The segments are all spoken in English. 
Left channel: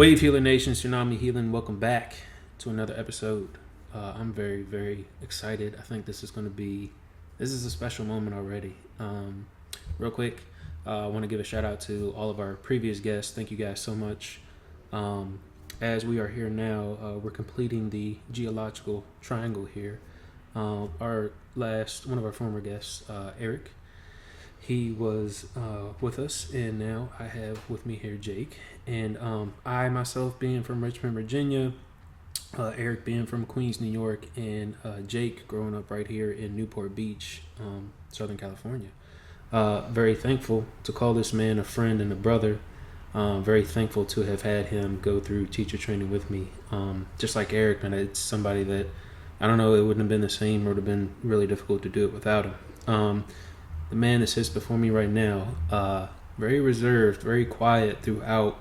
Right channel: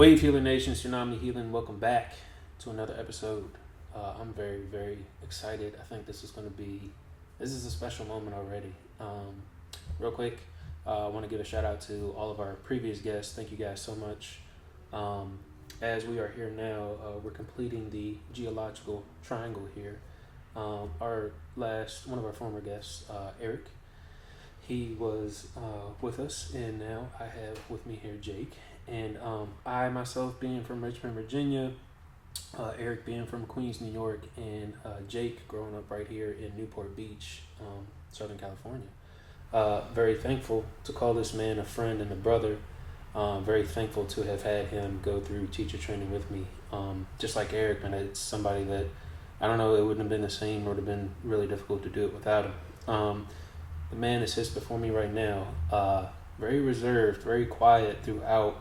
Wavehealernation, Tsunami Healing, welcome back to another episode. I'm very, very excited. I think this is a special moment already. Real quick, I want to give a shout out to all of our previous guests. Thank you guys so much. As we are here now, we're completing the geological triangle here. One of our former guests, Eric, he was with us, and now I have with me here Jake. And I myself being from Richmond, Virginia, Eric being from Queens, New York, and Jake growing up right here in Newport Beach, Southern California. Very thankful to call this man a friend and a brother. Very thankful to have had him go through teacher training with me. Just like Eric, and it's somebody that, I don't know, it wouldn't have been the same, or it would have been really difficult to do it without him. The man that sits before me right now, very reserved, very quiet throughout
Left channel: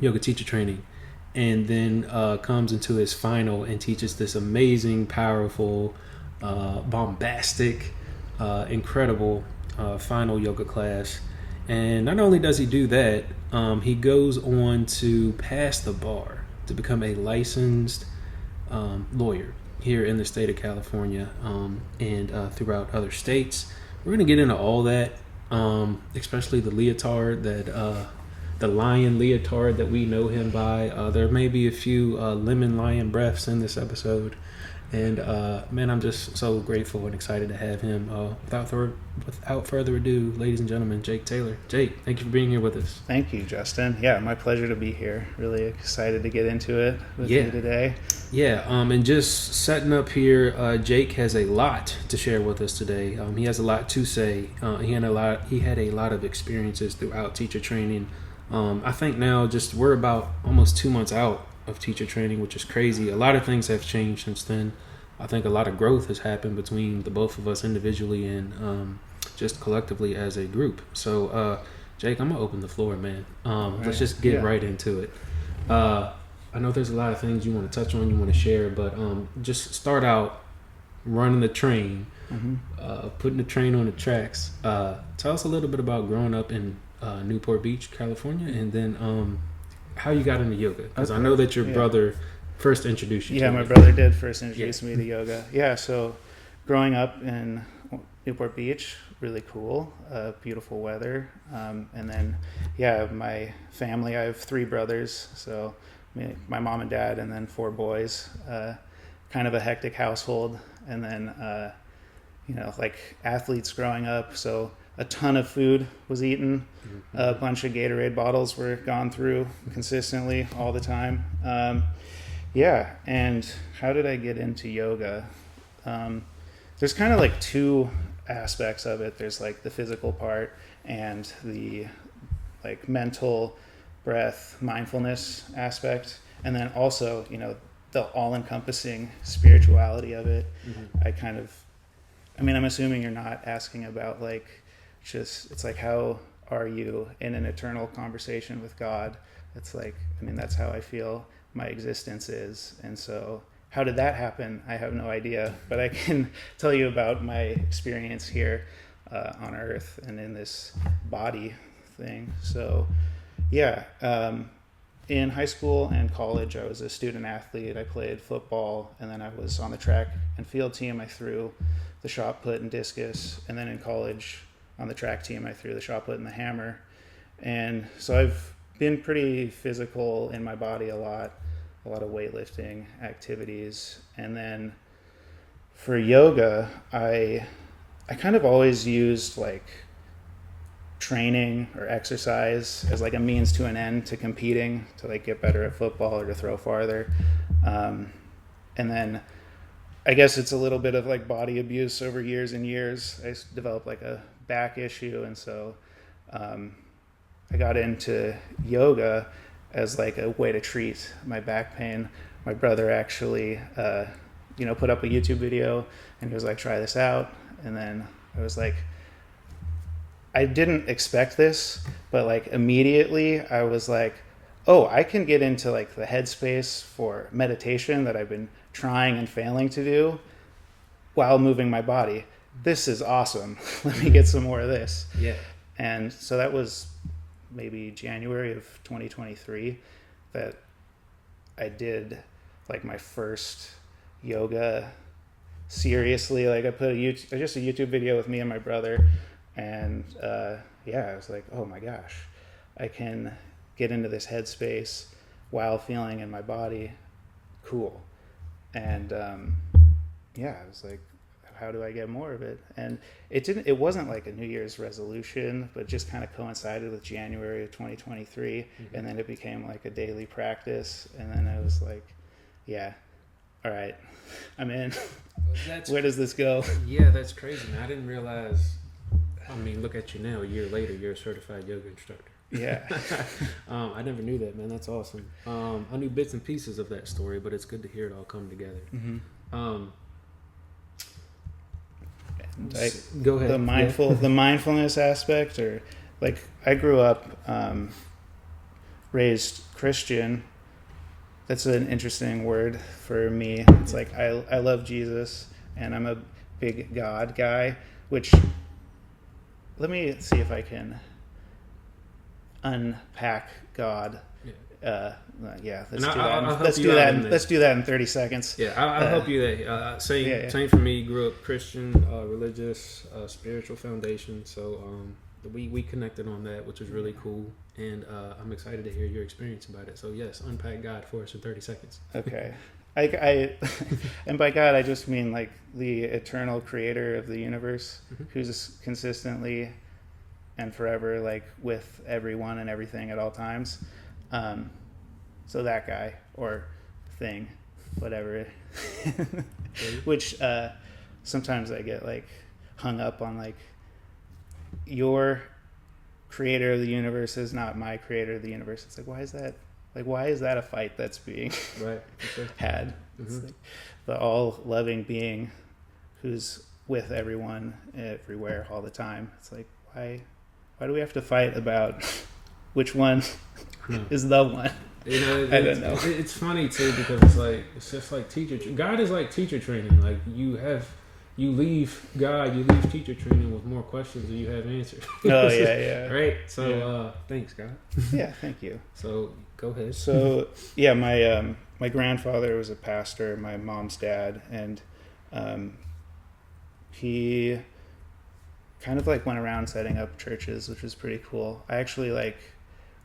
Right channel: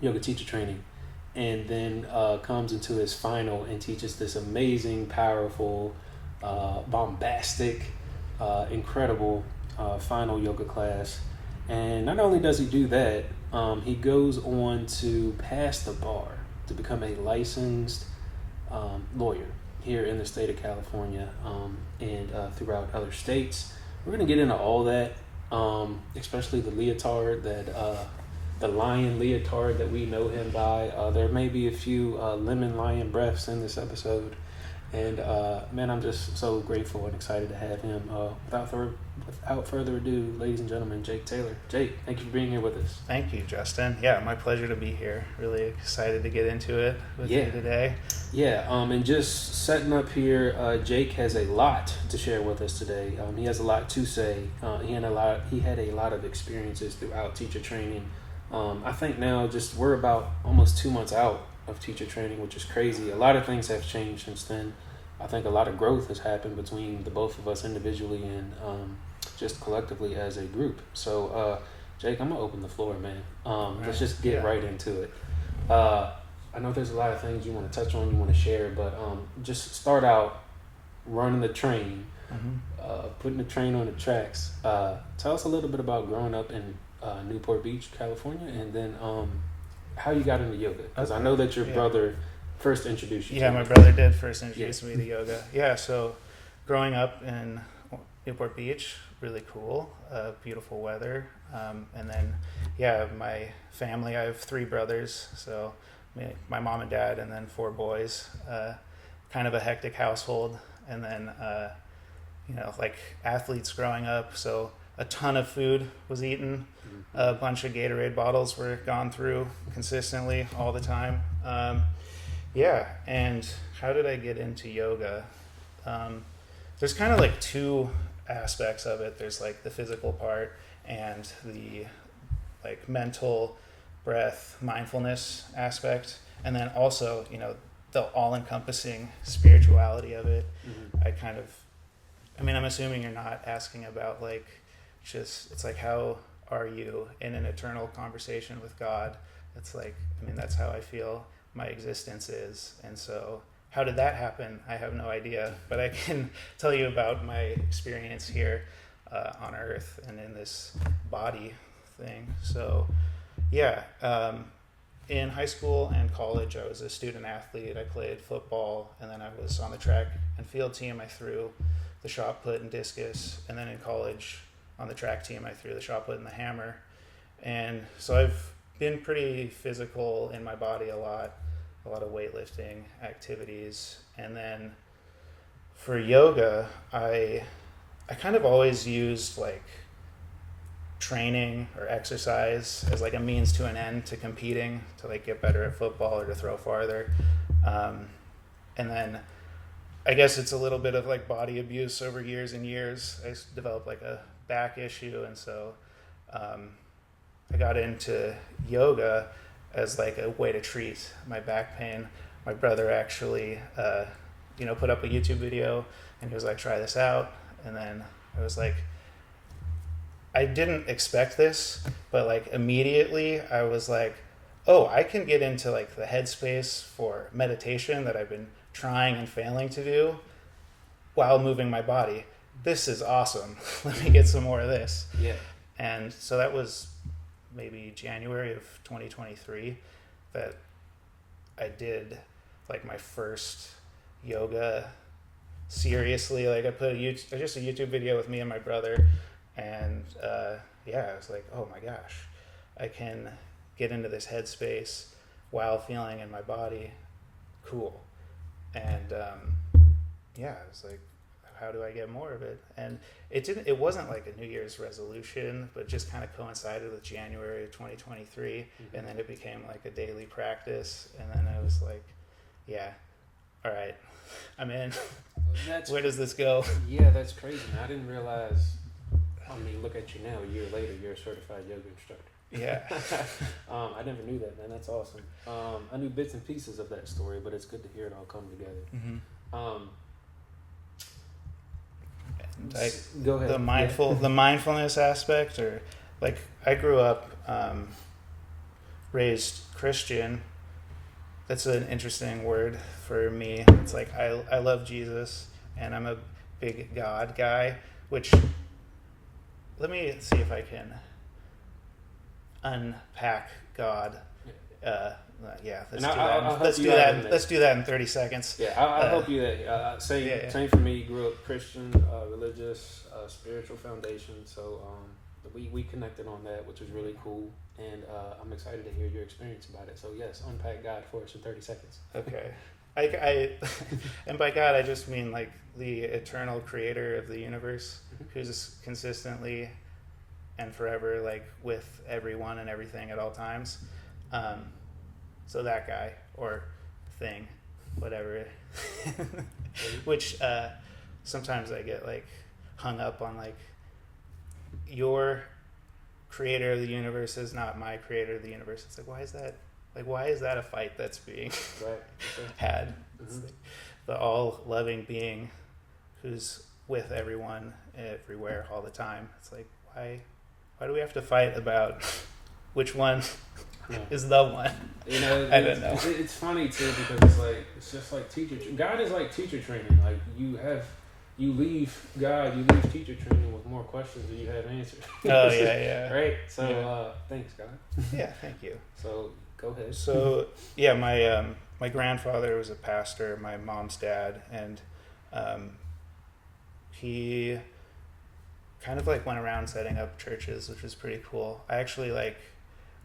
yoga teacher training, and then comes into his final and teaches this amazing, powerful, bombastic, incredible final yoga class. And not only does he do that, he goes on to pass the bar to become a licensed lawyer here in the state of California, and throughout other states. We're going to get into all that, especially the leotard the lion leotard that we know him by. There may be a few lemon lion breaths in this episode, and man, I'm just so grateful and excited to have him. Without further ado, ladies and gentlemen, Jake Taylor. Jake, thank you for being here with us. Thank you, Justin. Yeah, my pleasure to be here. Really excited to get into it with you today. Yeah, and just setting up here, Jake has a lot to share with us today. He has a lot to say. He had a lot of experiences throughout teacher training. I think now we're about almost 2 months out of teacher training, which is crazy. A lot of things have changed since then. I think a lot of growth has happened between the both of us individually and just collectively as a group. So, Jake, I'm gonna open the floor, man. Let's just get right into it. I know there's a lot of things you want to touch on, you want to share, but just start out running the train, putting the train on the tracks. Tell us a little bit about growing up in Newport Beach, California, and then how you got into yoga, because I know that your brother first introduced you to my brother did first introduce me to yoga. So growing up in Newport Beach, really cool, beautiful weather, and then my family, I have 3 brothers, so my mom and dad, and then 4 boys, kind of a hectic household, and then like athletes growing up, so a ton of food was eaten. A bunch of Gatorade bottles were gone through consistently all the time. And how did I get into yoga? There's kind of like 2 aspects of it. There's like the physical part and the like mental breath, mindfulness aspect. And then also, the all-encompassing spirituality of it. I'm assuming you're not asking about like, it's like, how are you in an eternal conversation with God? It's like, that's how I feel my existence is. And so how did that happen? I have no idea, but I can tell you about my experience here on earth and in this body thing. So in high school and college, I was a student athlete. I played football, and then I was on the track and field team. I threw the shot put and discus, and then in college on the track team, I threw the shot put and the hammer. And so I've been pretty physical in my body a lot of weightlifting activities. And then for yoga, I kind of always used like training or exercise as like a means to an end to competing, to like get better at football or to throw farther. And then I guess it's a little bit of like body abuse over years and years. I developed like a back issue, and so I got into yoga as like a way to treat my back pain. My brother actually put up a YouTube video, and he was like, try this out. And then I was like, I didn't expect this, but like immediately I was like, oh, I can get into like the headspace for meditation that I've been trying and failing to do while moving my body. This is awesome. Let me get some more of this. And so that was maybe January of 2023. that I did like my first yoga seriously. Like I put just a YouTube video with me and my brother, and I was like, oh my gosh, I can get into this headspace while feeling in my body cool. And I was like, how do I get more of it? And it wasn't like a New Year's resolution, but just kind of coincided with January of 2023. Mm-hmm. And then it became like a daily practice. And then I was like, yeah, all right, I'm in. Where does this go? Yeah, that's crazy. I didn't realize, I mean, look at you now, a year later, you're a certified yoga instructor. Yeah. I never knew that, man. That's awesome. I knew bits and pieces of that story, but it's good to hear it all come together. Mm-hmm. Go ahead. The mindfulness aspect, or like I grew up raised Christian. That's an interesting word for me. It's like I love Jesus and I'm a big God guy, which let me see if I can unpack God. Let's do that in 30 seconds. Yeah, I'll help you there. Same for me. Grew up Christian, religious, spiritual foundation. So we connected on that, which is really cool. And I'm excited to hear your experience about it. So yes, unpack God for us in 30 seconds. Okay. I and by God I just mean like the eternal creator of the universe, who's consistently and forever like with everyone and everything at all times. So that guy or thing, whatever, which sometimes I get like hung up on, like, your creator of the universe is not my creator of the universe. It's like, why is that? Like, why is that a fight that's being had? It's like the all-loving being who's with everyone, everywhere, all the time. It's like, why do we have to fight about which one is the one? I don't know. It's funny too, because it's just like teacher. God is like teacher training. Like you leave teacher training with more questions than you have answers. Oh yeah. Right. So thanks, God. Yeah, thank you. So go ahead. So my grandfather was a pastor, my mom's dad, and he kind of like went around setting up churches, which was pretty cool. I actually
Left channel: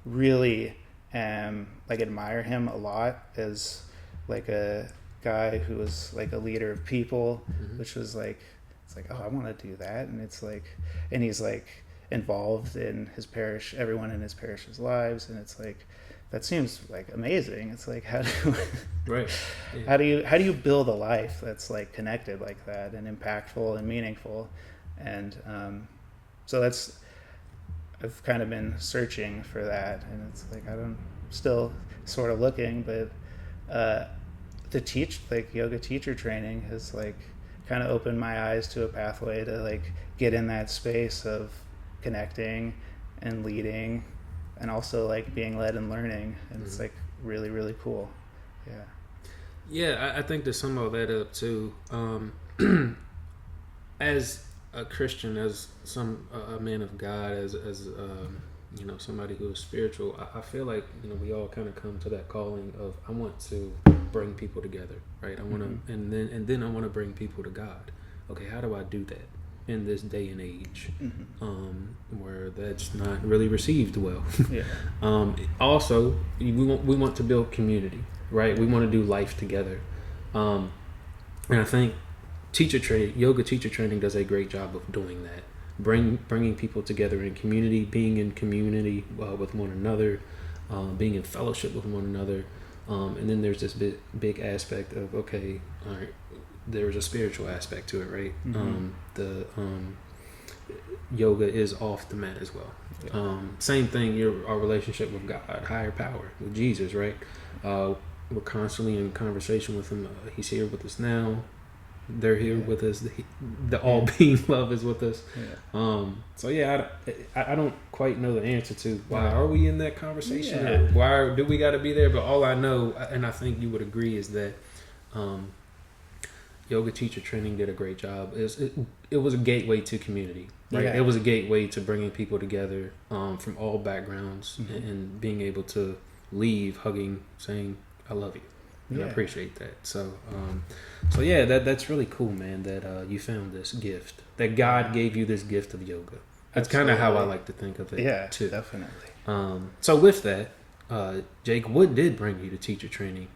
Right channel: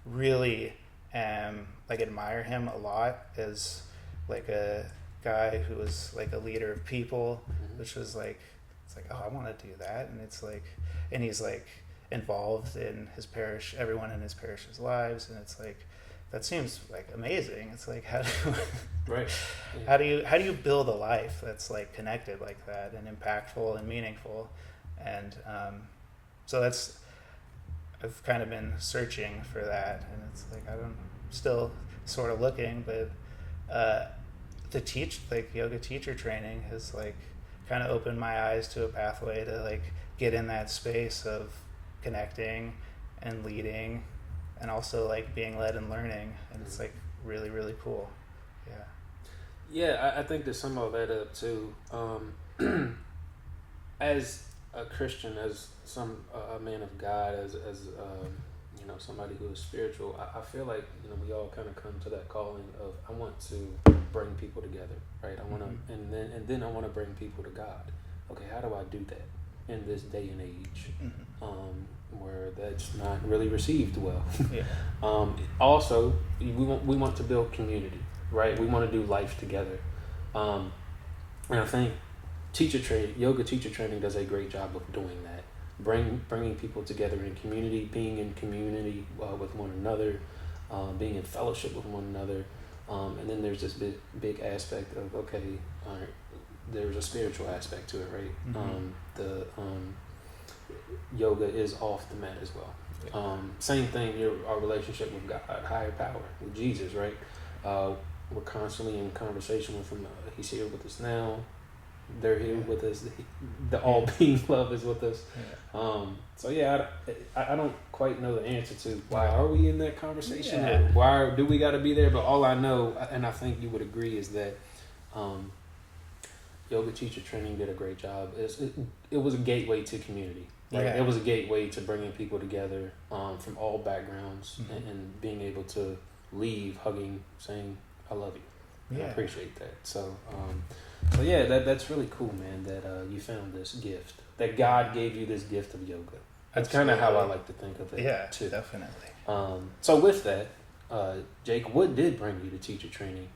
really admire him a lot as like a guy who was like a leader of people, which was like, it's like, oh, I want to do that. And it's like, and he's like involved in his parish, everyone in his parish's lives. And it's like, that seems like amazing. It's like, how do you build a life that's like connected like that and impactful and meaningful? And so I've kind of been searching for that, and it's like still sort of looking, but to teach like yoga teacher training has like kind of opened my eyes to a pathway to like get in that space of connecting and leading, and also like being led and learning, and it's like really, really cool. I think there's some of that up too. As a Christian, as a man of God, as somebody who is spiritual, I feel like we all kind of come to that calling of, I want to bring people together, right? I want to, and then I want to bring people to God. Okay, how do I do that in this day and age, where that's not really received well? Also, we want to build community, right? We want to do life together, and I think yoga teacher training does a great job of doing that. Bringing people together in community, being in community with one another, being in fellowship with one another, and then there's this big aspect of, okay, all right, there's a spiritual aspect to it, right? The yoga is off the mat as well. Same thing, our relationship with God, higher power, with Jesus, right? We're constantly in conversation with him. He's here with us now. They're here with us. The all-being love is with us. I don't quite know the answer to why are we in that conversation. Or why do we got to be there? But all I know, and I think you would agree, is that yoga teacher training did a great job. It was a gateway to community. Right? It was a gateway to bringing people together from all backgrounds and being able to leave hugging, saying, "I love you." And I Yeah. appreciate that. So, so yeah, that's really cool, man. That you found this gift. That God gave you this gift of yoga. That's kind of how I like to think of it. Yeah, too. definitely. So with that, Jake, what did bring you to teacher training?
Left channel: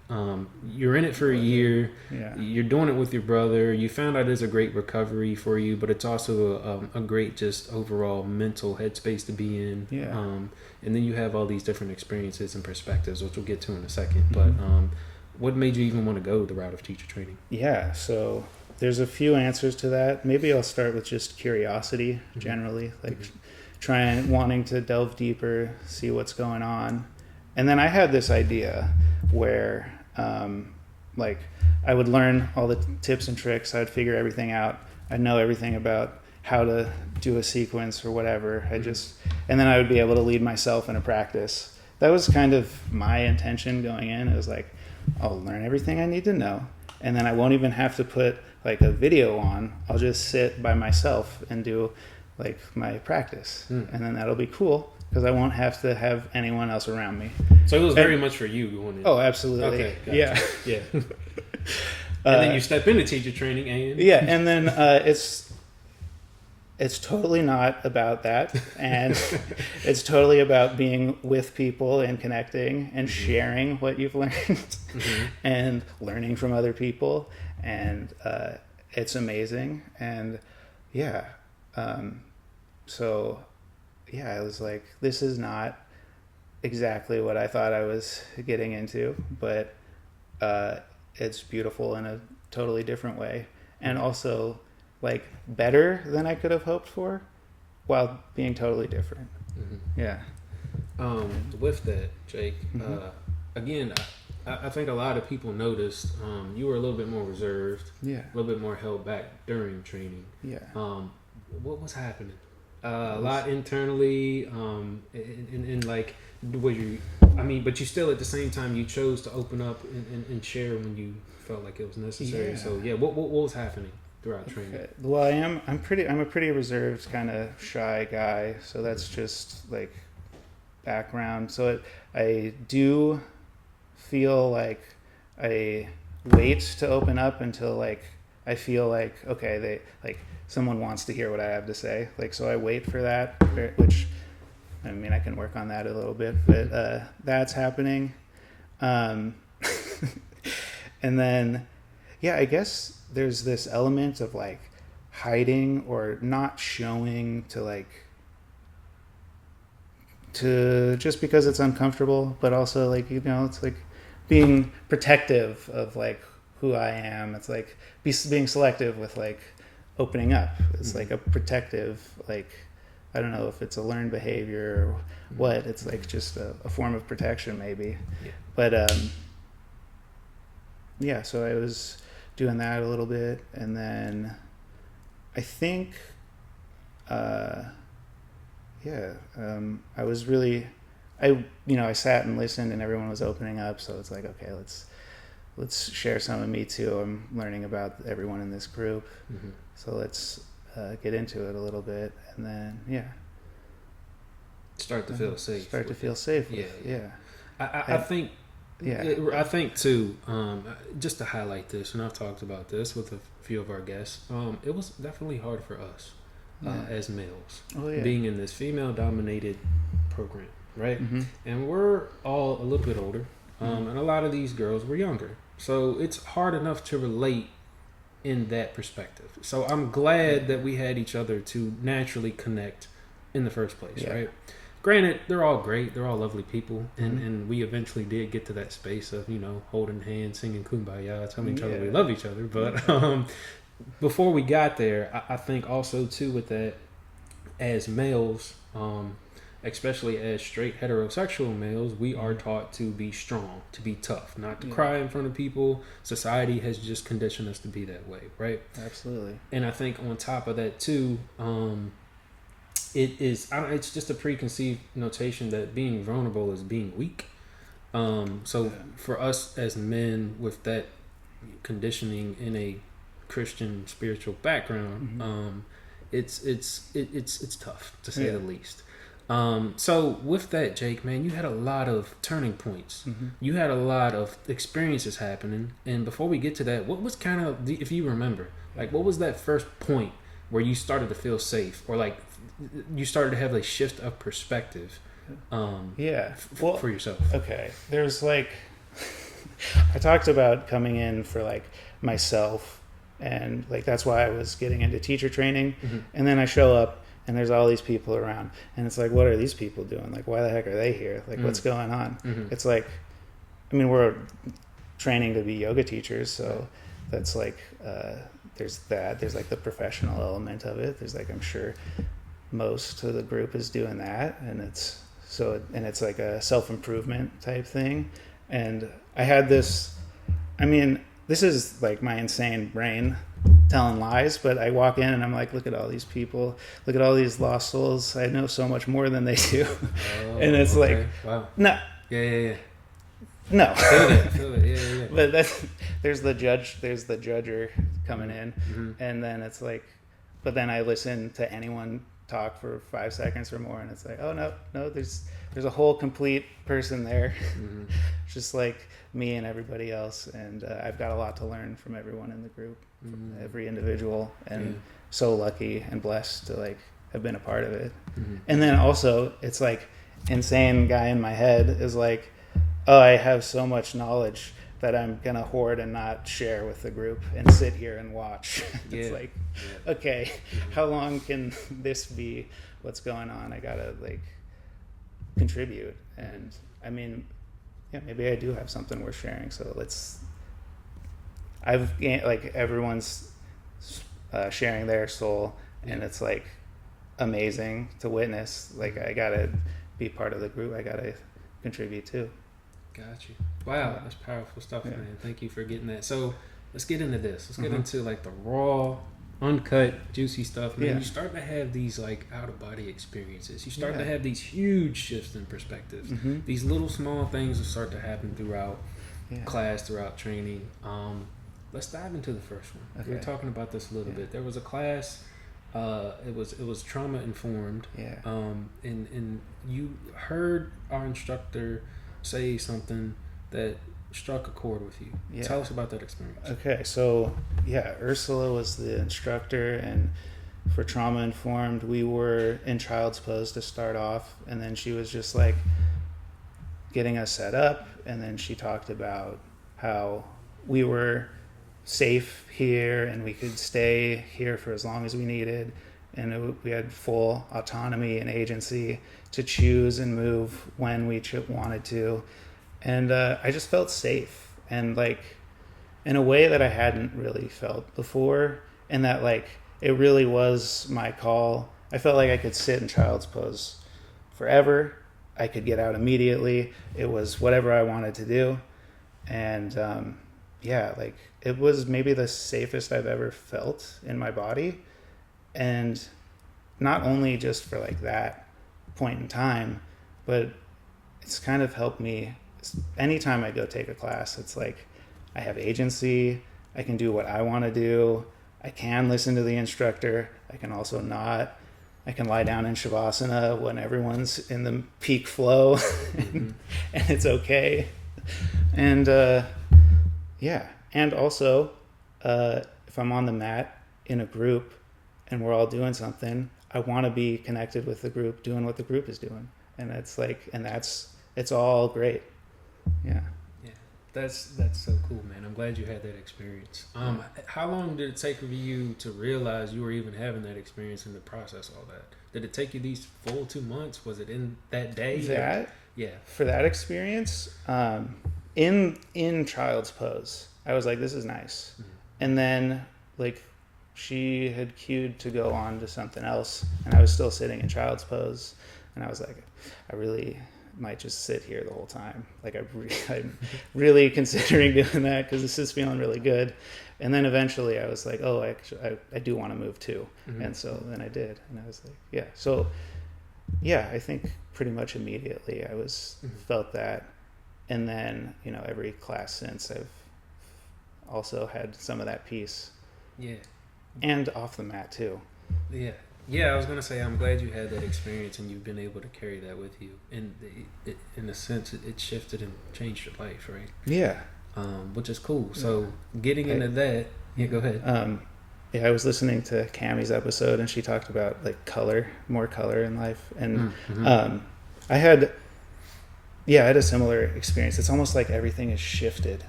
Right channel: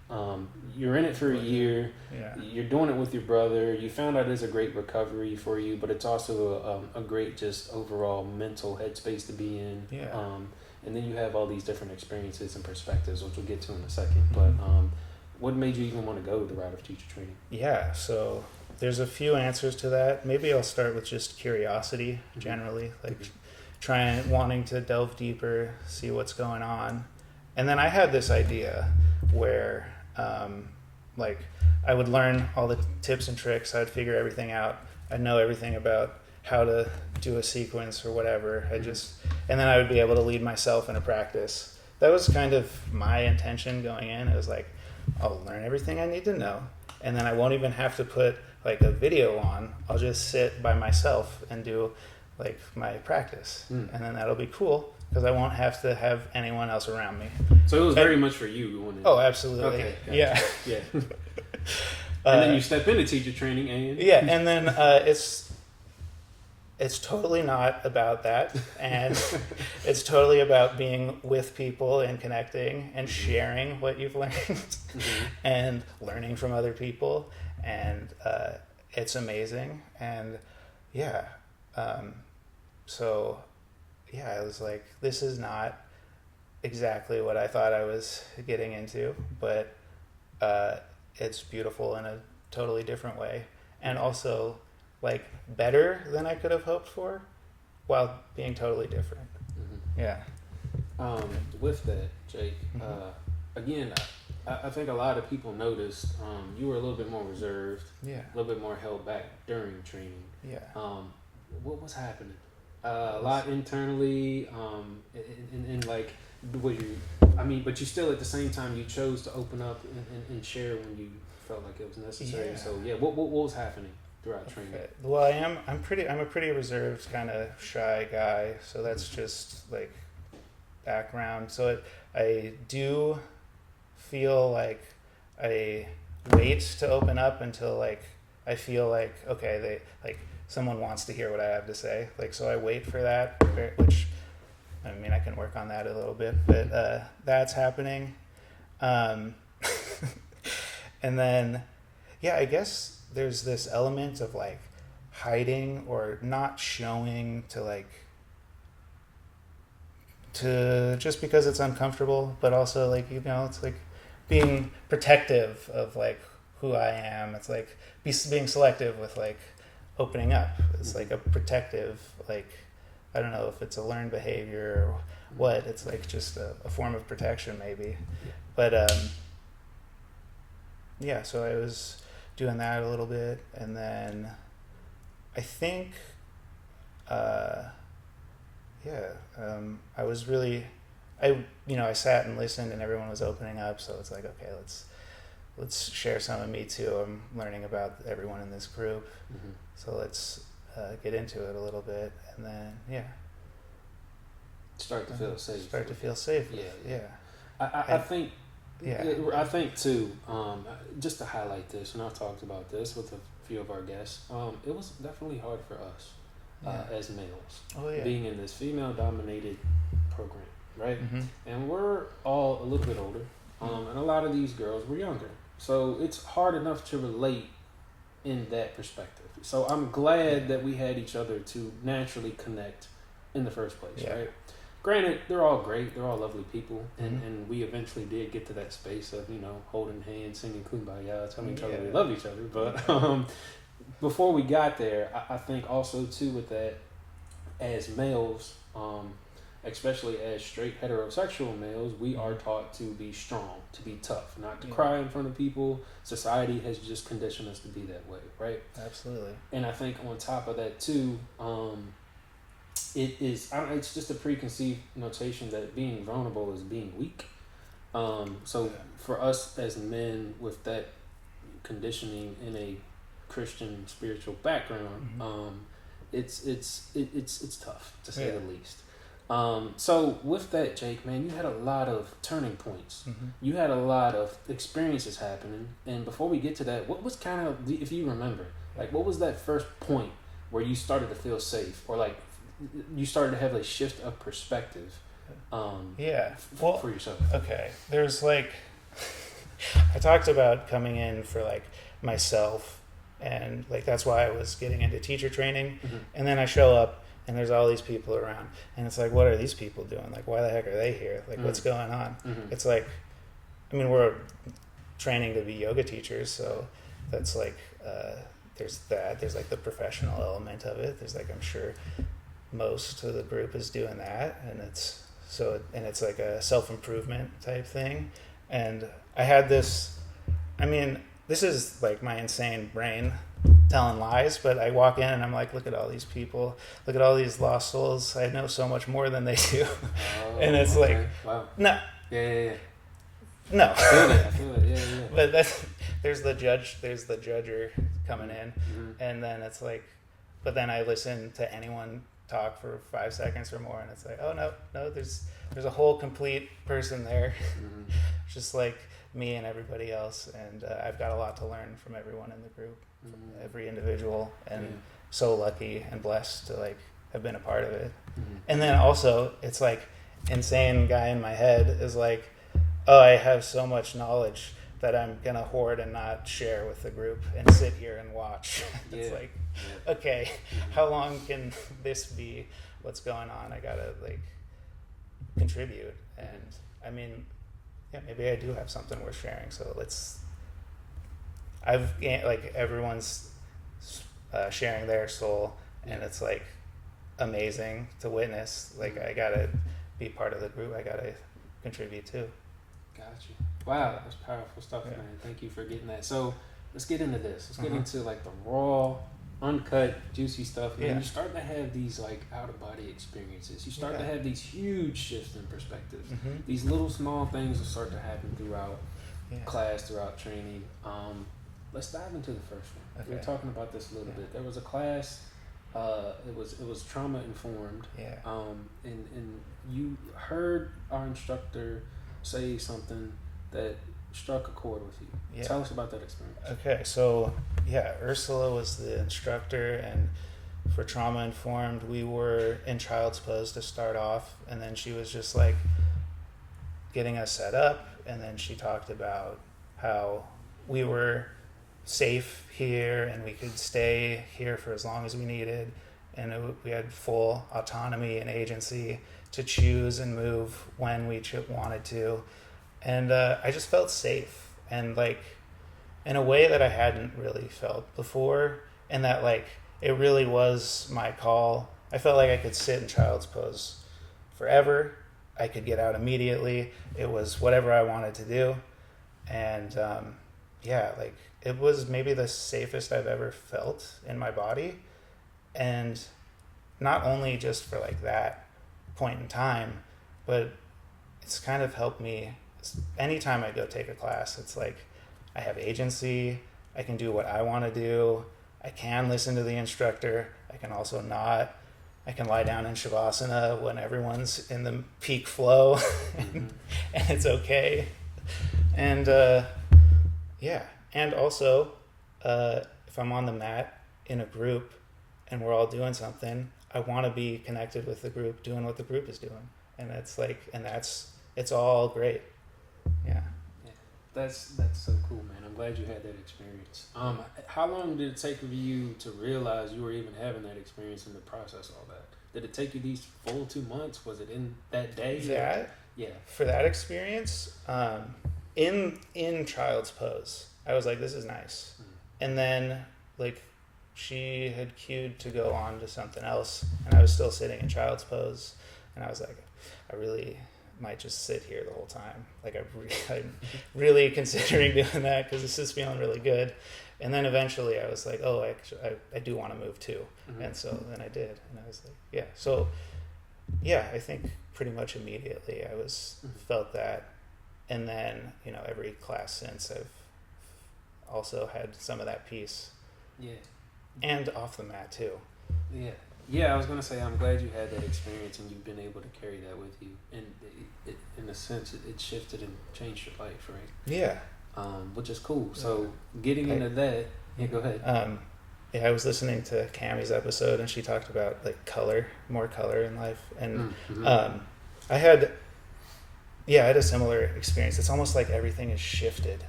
You're in it for a year. Yeah. You're doing it with your brother. You found out it's a great recovery for you, but it's also a great just overall mental headspace to be in. Yeah. And then you have all these different experiences and perspectives, which we'll get to in a second. Mm-hmm. But what made you even want to go the route of teacher training? Yeah, so there's a few answers to that. Maybe I'll start with just curiosity generally, like wanting to delve deeper, see what's going on. And then I had this idea where like I would learn all the tips and tricks, I'd figure everything out, I'd know everything about how to do a sequence or whatever. And then I would be able to lead myself in a practice. That was kind of my intention going in. It was like, I'll learn everything I need to know, and then I won't even have to put like a video on. I'll just sit by myself and do like my practice, and then that'll be cool because I won't have to have anyone else around me. So it was very much for you. Oh, absolutely. Okay, gotcha. Yeah. Yeah. And then you step into teacher training, and yeah, and then it's totally not about that, and it's totally about being with people and connecting and sharing what you've learned and learning from other people, and it's amazing. And yeah, so yeah, I was like, this is not exactly what I thought I was getting into, but it's beautiful in a totally different way, and also like better than I could have hoped for, while being totally different. Yeah. With that, Jake, again, I think a lot of people noticed you were a little bit more reserved, Yeah. a little bit more held back during training. Yeah. What was happening? A lot internally, and like, was you? I mean, but you still at the same time you chose to open up and share when you felt like it was necessary. Yeah. So yeah, what was happening throughout training? Okay. Well, I'm a pretty reserved, kind of shy guy, so that's just like background. So I do feel like I wait to open up until like I feel like okay, someone wants to hear what I have to say. Like, so I wait for that, which I mean I can work on that a little bit, but that's happening. And then yeah, I guess there's this element of like hiding or not showing to just because it's uncomfortable, but also like, you know, it's like being protective of like who I am. It's like being selective with like opening up. It's like a protective, like, I don't know if it's a learned behavior or what. It's like just a form of protection maybe. But yeah, so I was doing that a little bit, and then I think I was really I sat and listened and everyone was opening up, so it's like, okay, let's share some of me too. I'm learning about everyone in this group, so let's get into it a little bit, and then Start to feel safe. Start to feel safe. I think. Yeah, I think too. Just to highlight this, and I've talked about this with a few of our guests. It was definitely hard for us as males, being in this female-dominated program, right? And we're all a little bit older, and a lot of these girls were younger, so it's hard enough to relate in that perspective. So I'm glad that we had each other to naturally connect in the first place, right? Granted, they're all great. They're all lovely people. And we eventually did get to that space of, holding hands, singing Kumbaya, telling each other we love each other. But before we got there, I think also, too, with that, as males, especially as straight heterosexual males, we are taught to be strong, to be tough, not to cry in front of people. Society has just conditioned us to be that way, right? Absolutely. And I think on top of that, too, it's just a preconceived notation that being vulnerable is being weak. For us as men with that conditioning in a Christian spiritual background, it's tough to say the least. So with that, Jake, man, you had a lot of turning points. You had a lot of experiences happening. And before we get to that, what was kind of, if you remember, like what was that first point where you started to feel safe, or like you started to have a shift of perspective? For yourself. Okay, there's like I talked about coming in for like myself, and like that's why I was getting into teacher training. And then I show up and there's all these people around, and it's like, what are these people doing? Like, why the heck are they here? Like, what's going on? It's like, I mean, we're training to be yoga teachers, so that's like there's like the professional element of it. There's like, I'm sure most of the group is doing that, and it's like a self-improvement type thing. And I had this, I mean, this is like my insane brain telling lies, but I walk in and I'm like, look at all these people, look at all these lost souls. I know so much more than they do. And it's like, wow. No. Yeah. No. I feel it. Yeah. But there's the judger coming in, and then it's like, but then I listen to anyone talk for 5 seconds or more, and it's like, oh no, there's a whole complete person there, just like me and everybody else, and I've got a lot to learn from everyone in the group, from every individual, and so lucky and blessed to like have been a part of it. And then also it's like insane guy in my head is like, oh, I have so much knowledge that I'm gonna hoard and not share with the group and sit here and watch. It's like, okay, how long can this be? What's going on? I gotta like contribute. And I mean, yeah, maybe I do have something worth sharing. So like everyone's sharing their soul, and it's like amazing to witness. Like I gotta be part of the group. I gotta contribute too. Got you. Wow, that's powerful stuff, man. Thank you for getting that. So let's get into this. Let's get into like the raw, uncut, juicy stuff. Man, you start to have these like out of body experiences. You start to have these huge shifts in perspective. These little small things will start to happen throughout class, throughout training. Let's dive into the first one. We were talking about this a little bit. There was a class. It was trauma informed. And you heard our instructor say something that struck a chord with you. Tell us about that experience. Okay, so Ursula was the instructor, and for trauma informed, we were in child's pose to start off, and then she was just like getting us set up, and then she talked about how we were safe here and we could stay here for as long as we needed, and we had full autonomy and agency to choose and move when we wanted to. And I just felt safe, and like in a way that I hadn't really felt before, and that like it really was my call. I felt like I could sit in child's pose forever. I could get out immediately. It was whatever I wanted to do. And like it was maybe the safest I've ever felt in my body. And not only just for like that point in time, but it's kind of helped me anytime I go take a class. It's like I have agency. I can do what I want to do. I can listen to the instructor. I can also not. I can lie down in Shavasana when everyone's in the peak flow and it's okay. And and also if I'm on the mat in a group and we're all doing something, I want to be connected with the group doing what the group is doing. And it's like, it's all great. That's so cool, man. I'm glad you had that experience. How long did it take for you to realize you were even having that experience and to process all that? Did it take you these full 2 months? Was it in that day? For that experience, in child's pose, I was like, this is nice. And then like she had cued to go on to something else, and I was still sitting in child's pose, and I was like, I really might just sit here the whole time. Like I'm really considering doing that because this is feeling really good. And then eventually I was like, oh, actually, I do want to move too. And so then I did, and I was like, so I think pretty much immediately I felt that. And then every class since, I've also had some of that peace. And off the mat too. Yeah, I was gonna say I'm glad you had that experience and you've been able to carry that with you. And in a sense, it shifted and changed your life, right? Yeah. Which is cool. So getting into that, yeah, go ahead. Yeah, I was listening to Cammie's episode, and she talked about like more color in life, and I had a similar experience. It's almost like everything is shifted.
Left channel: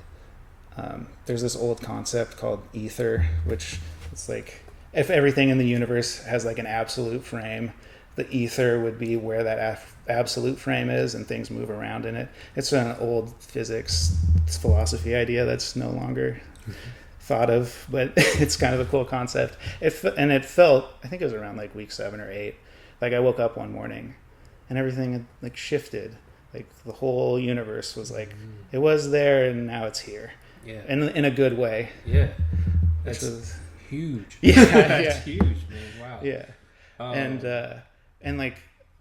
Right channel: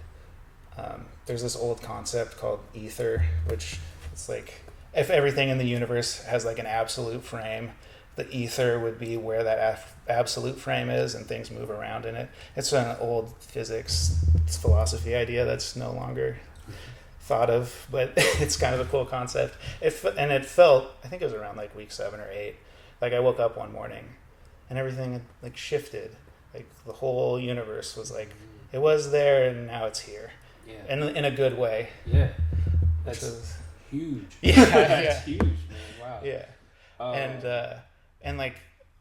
There's this old concept called ether, which it's like if everything in the universe has like an absolute frame, the ether would be where that absolute frame is, and things move around in it. It's an old physics philosophy idea that's no longer thought of, but it's kind of a cool concept. It felt, I think it was around like week 7 or 8, like I woke up one morning and everything had like shifted, like the whole universe was like it was there and now it's here. Yeah. And in a good way. Yeah. That's huge. Yeah. That's Yeah. huge, man. Wow. Yeah. And like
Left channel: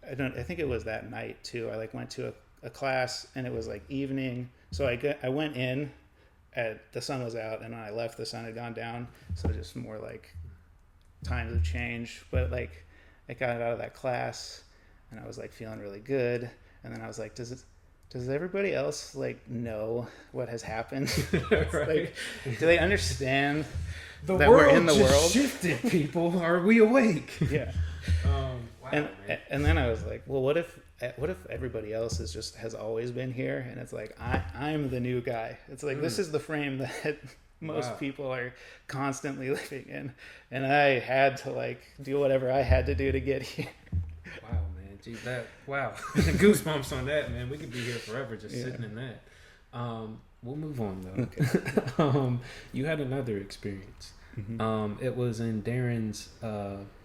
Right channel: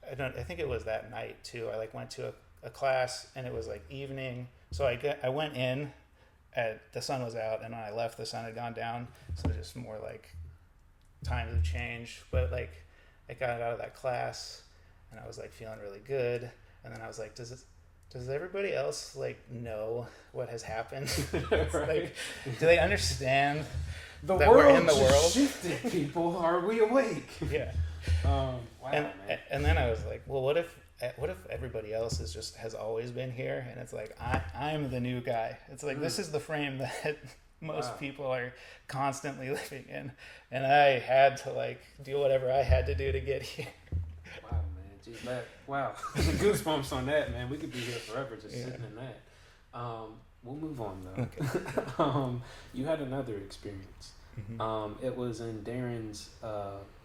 I think it was that night too. I like went to a class and it was like evening. So I went in the sun was out, and when I left the sun had gone down. So just more like times have changed. But like I got out of that class and I was like feeling really good. And then I was like, does everybody else like know what has happened? Right. Like, do they understand that we're in the world? Shifted, people. Are we awake? Yeah. Wow, and then I was like, well, what if everybody else has always been here, and it's like I'm the new guy. It's like this is the frame that most people are constantly living in, and I had to like do whatever I had to do to get here. Wow, man. Gee, goosebumps on that, man. We could be here forever just sitting in that. We'll move on though. Okay. You had another experience. Mm-hmm. It was in Darren's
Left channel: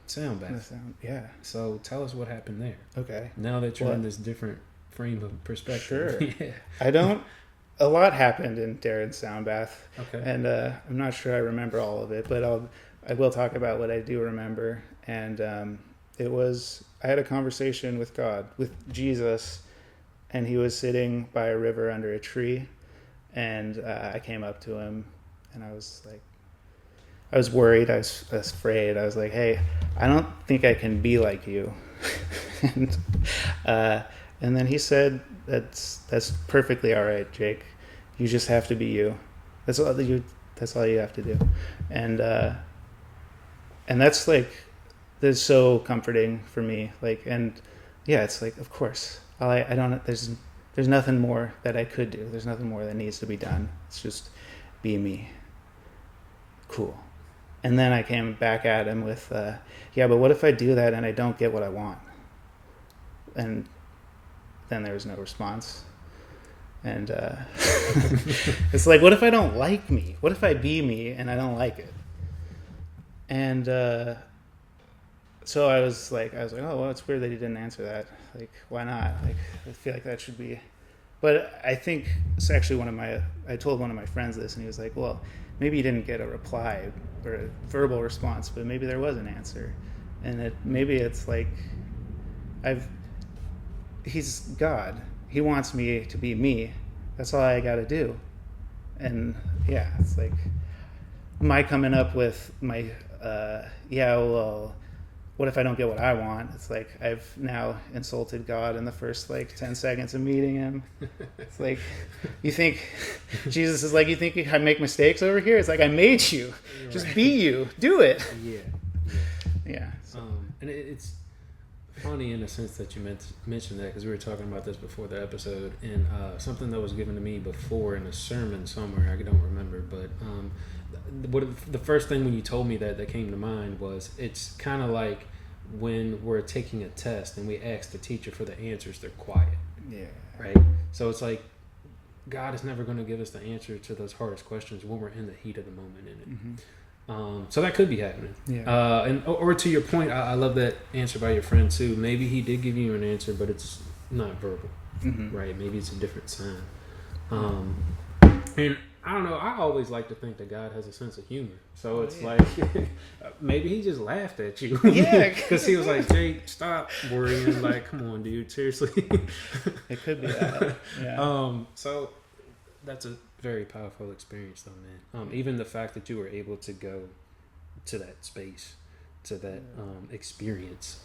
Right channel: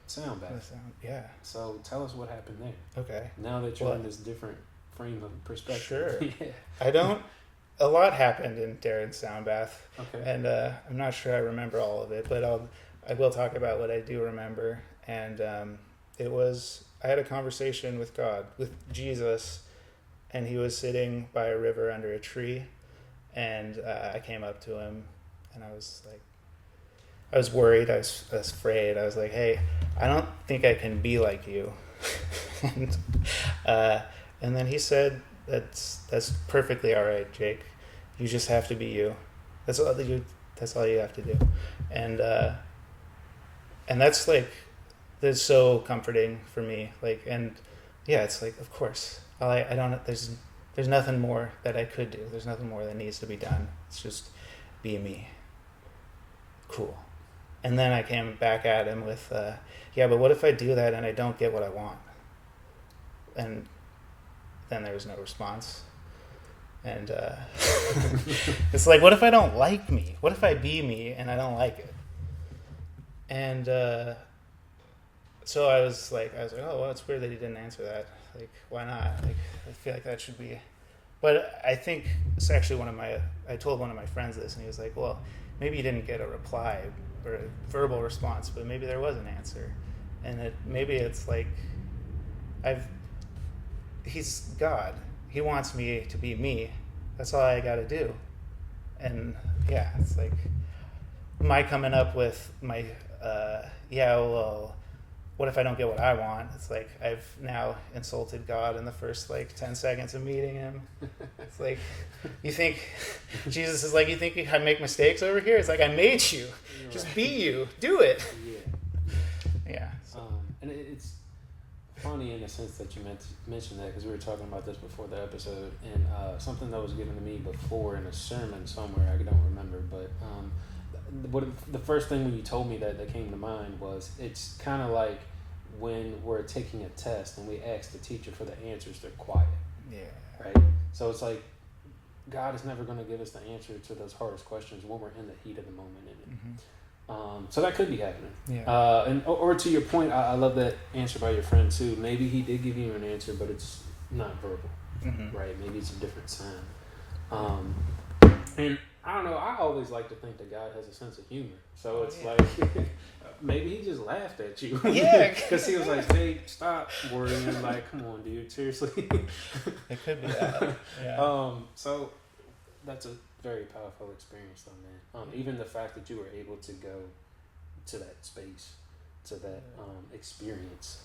sound bath. Yeah. So tell us what happened there. Okay. Now that you're in this different frame of perspective. Sure. Yeah. A lot happened in Darren's sound bath. Okay. And I'm not sure I remember all of it, but I will talk about what I do remember. And I had a conversation with God, with Jesus, and he was sitting by a river under a tree. And I came up to him, and I was like, I was worried. I was afraid. I was like, hey, I don't think I can be like you. And then he said, that's perfectly all right, Jake. You just have to be you. That's all you have to do. And that's like, that's so comforting for me. Like, and yeah, it's like, of course, there's nothing more that I could do. There's nothing more that needs to be done. It's just be me. Cool. And then I came back at him with, but what if I do that and I don't get what I want? And then there was no response. And it's like, what if I don't like me? What if I be me and I don't like it? And so I was like, oh, well, it's weird that he didn't answer that. Like, why not? Like, I feel like that should be. But I think it's actually I told one of my friends this, and he was like, well, maybe you didn't get a reply or a verbal response, but maybe there was an answer. And maybe it's like, he's God. He wants me to be me. That's all I got to do. And yeah, it's like, my coming up with my, what if I don't get what I want? It's like, I've now insulted God in the first 10 seconds of meeting him. It's like, you think, Jesus is like, you think I make mistakes over here? It's like, I made you. Just be you. Do it. Yeah. So. And it's funny in the sense that you mentioned that, because we were talking about this before the episode, and something that was given to me before in a sermon somewhere, I don't remember, but the first thing when you told me that came to mind was, it's kind of like when we're taking a test and we ask the teacher for the answers, they're quiet. Yeah. Right? So it's like, God is never going to give us the answer to those hardest questions when we're in the heat of the moment in it. Mm-hmm. So that could be happening. Yeah. Or to your point, I love that answer by your friend too. Maybe he did give you an answer, but it's not verbal. Mm-hmm. Right? Maybe it's a different sign. And I don't know, I always like to think that God has a sense of humor. So it's like, maybe he just laughed at you. Yeah. Because he was like, Jake, stop worrying. Like, come on, dude, seriously. It could be that. Yeah. So that's a very powerful experience though, man. Even the fact that you were able to go to that space to that experience.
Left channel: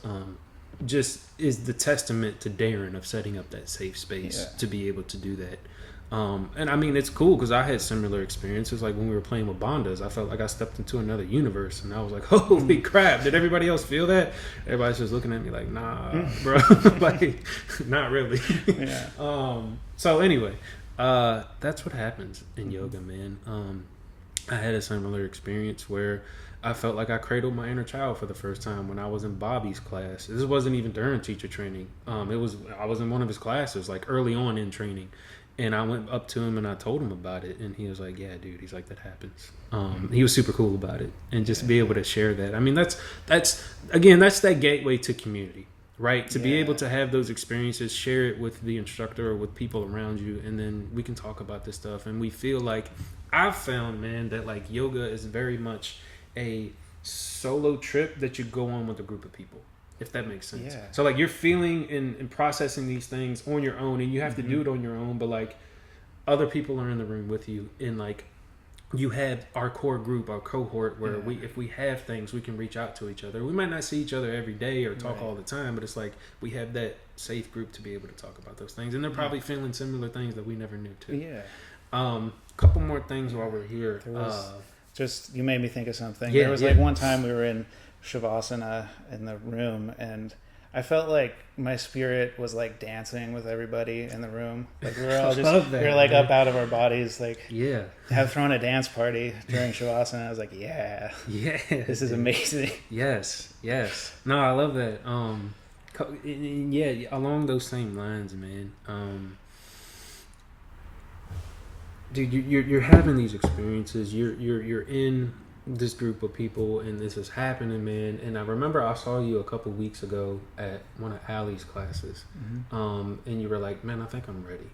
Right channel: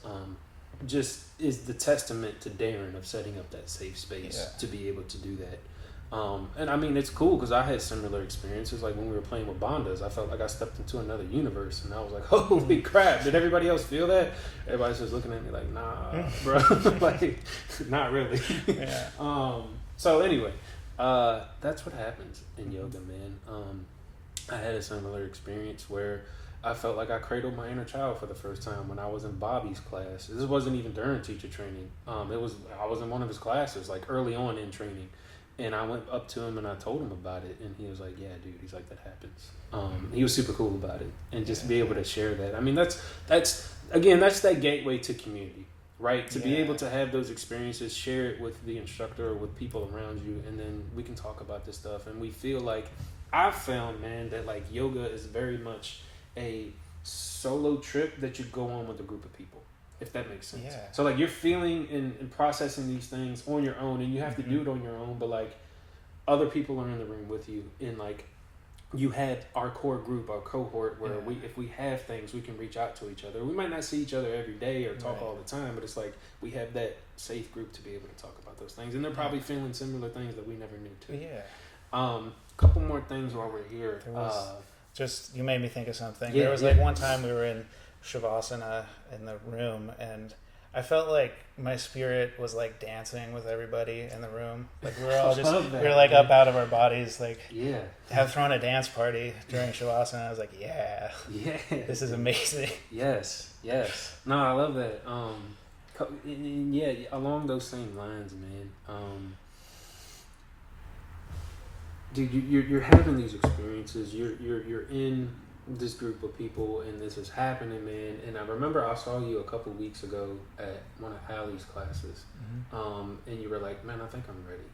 Just is the testament to Darren of setting up that safe space to be able to do that. And I mean, it's cool because I had similar experiences. Like when we were playing with Bondas, I felt like I stepped into another universe, and I was like, "Holy crap!" Did everybody else feel that? Everybody's just looking at me like, "Nah, bro, like, not really." Yeah. So anyway, that's what happens in yoga, man. I had a similar experience where I felt like I cradled my inner child for the first time when I was in Bobby's class. This wasn't even during teacher training. I was in one of his classes, like early on in training. And I went up to him and I told him about it, and he was like, "Yeah, dude." He's like, "That happens." He was super cool about it, and just be able to share that. I mean, that's that gateway to community, right? To be able to have those experiences, share it with the instructor or with people around you, and then we can talk about this stuff. And we feel like I've found, man, that like yoga is very much a solo trip that you go on with a group of people. If that makes sense. Yeah. So like you're feeling and processing these things on your own, and you have to do it on your own, but like other people are in the room with you, and like you have our core group, our cohort, where if we have things, we can reach out to each other. We might not see each other every day or talk all the time, but it's like we have that safe group to be able to talk about those things, and they're probably feeling similar things that we never knew too. Yeah. Couple more things while we're here. There was, you made me think of something. Yeah, there was like one time we were in Shavasana in the room, and I felt like my spirit was like dancing with everybody in the room. Like we were all just we were like up out of our bodies, like have thrown a dance party during Shavasana. I was like, this is amazing. Yes. No, I love that. Along those same lines, man. Dude, you're having these experiences. You're in this group of people, and this is happening, man. And I remember I saw you a couple weeks ago at one of Allie's classes, and you were like, "Man, I think I'm ready."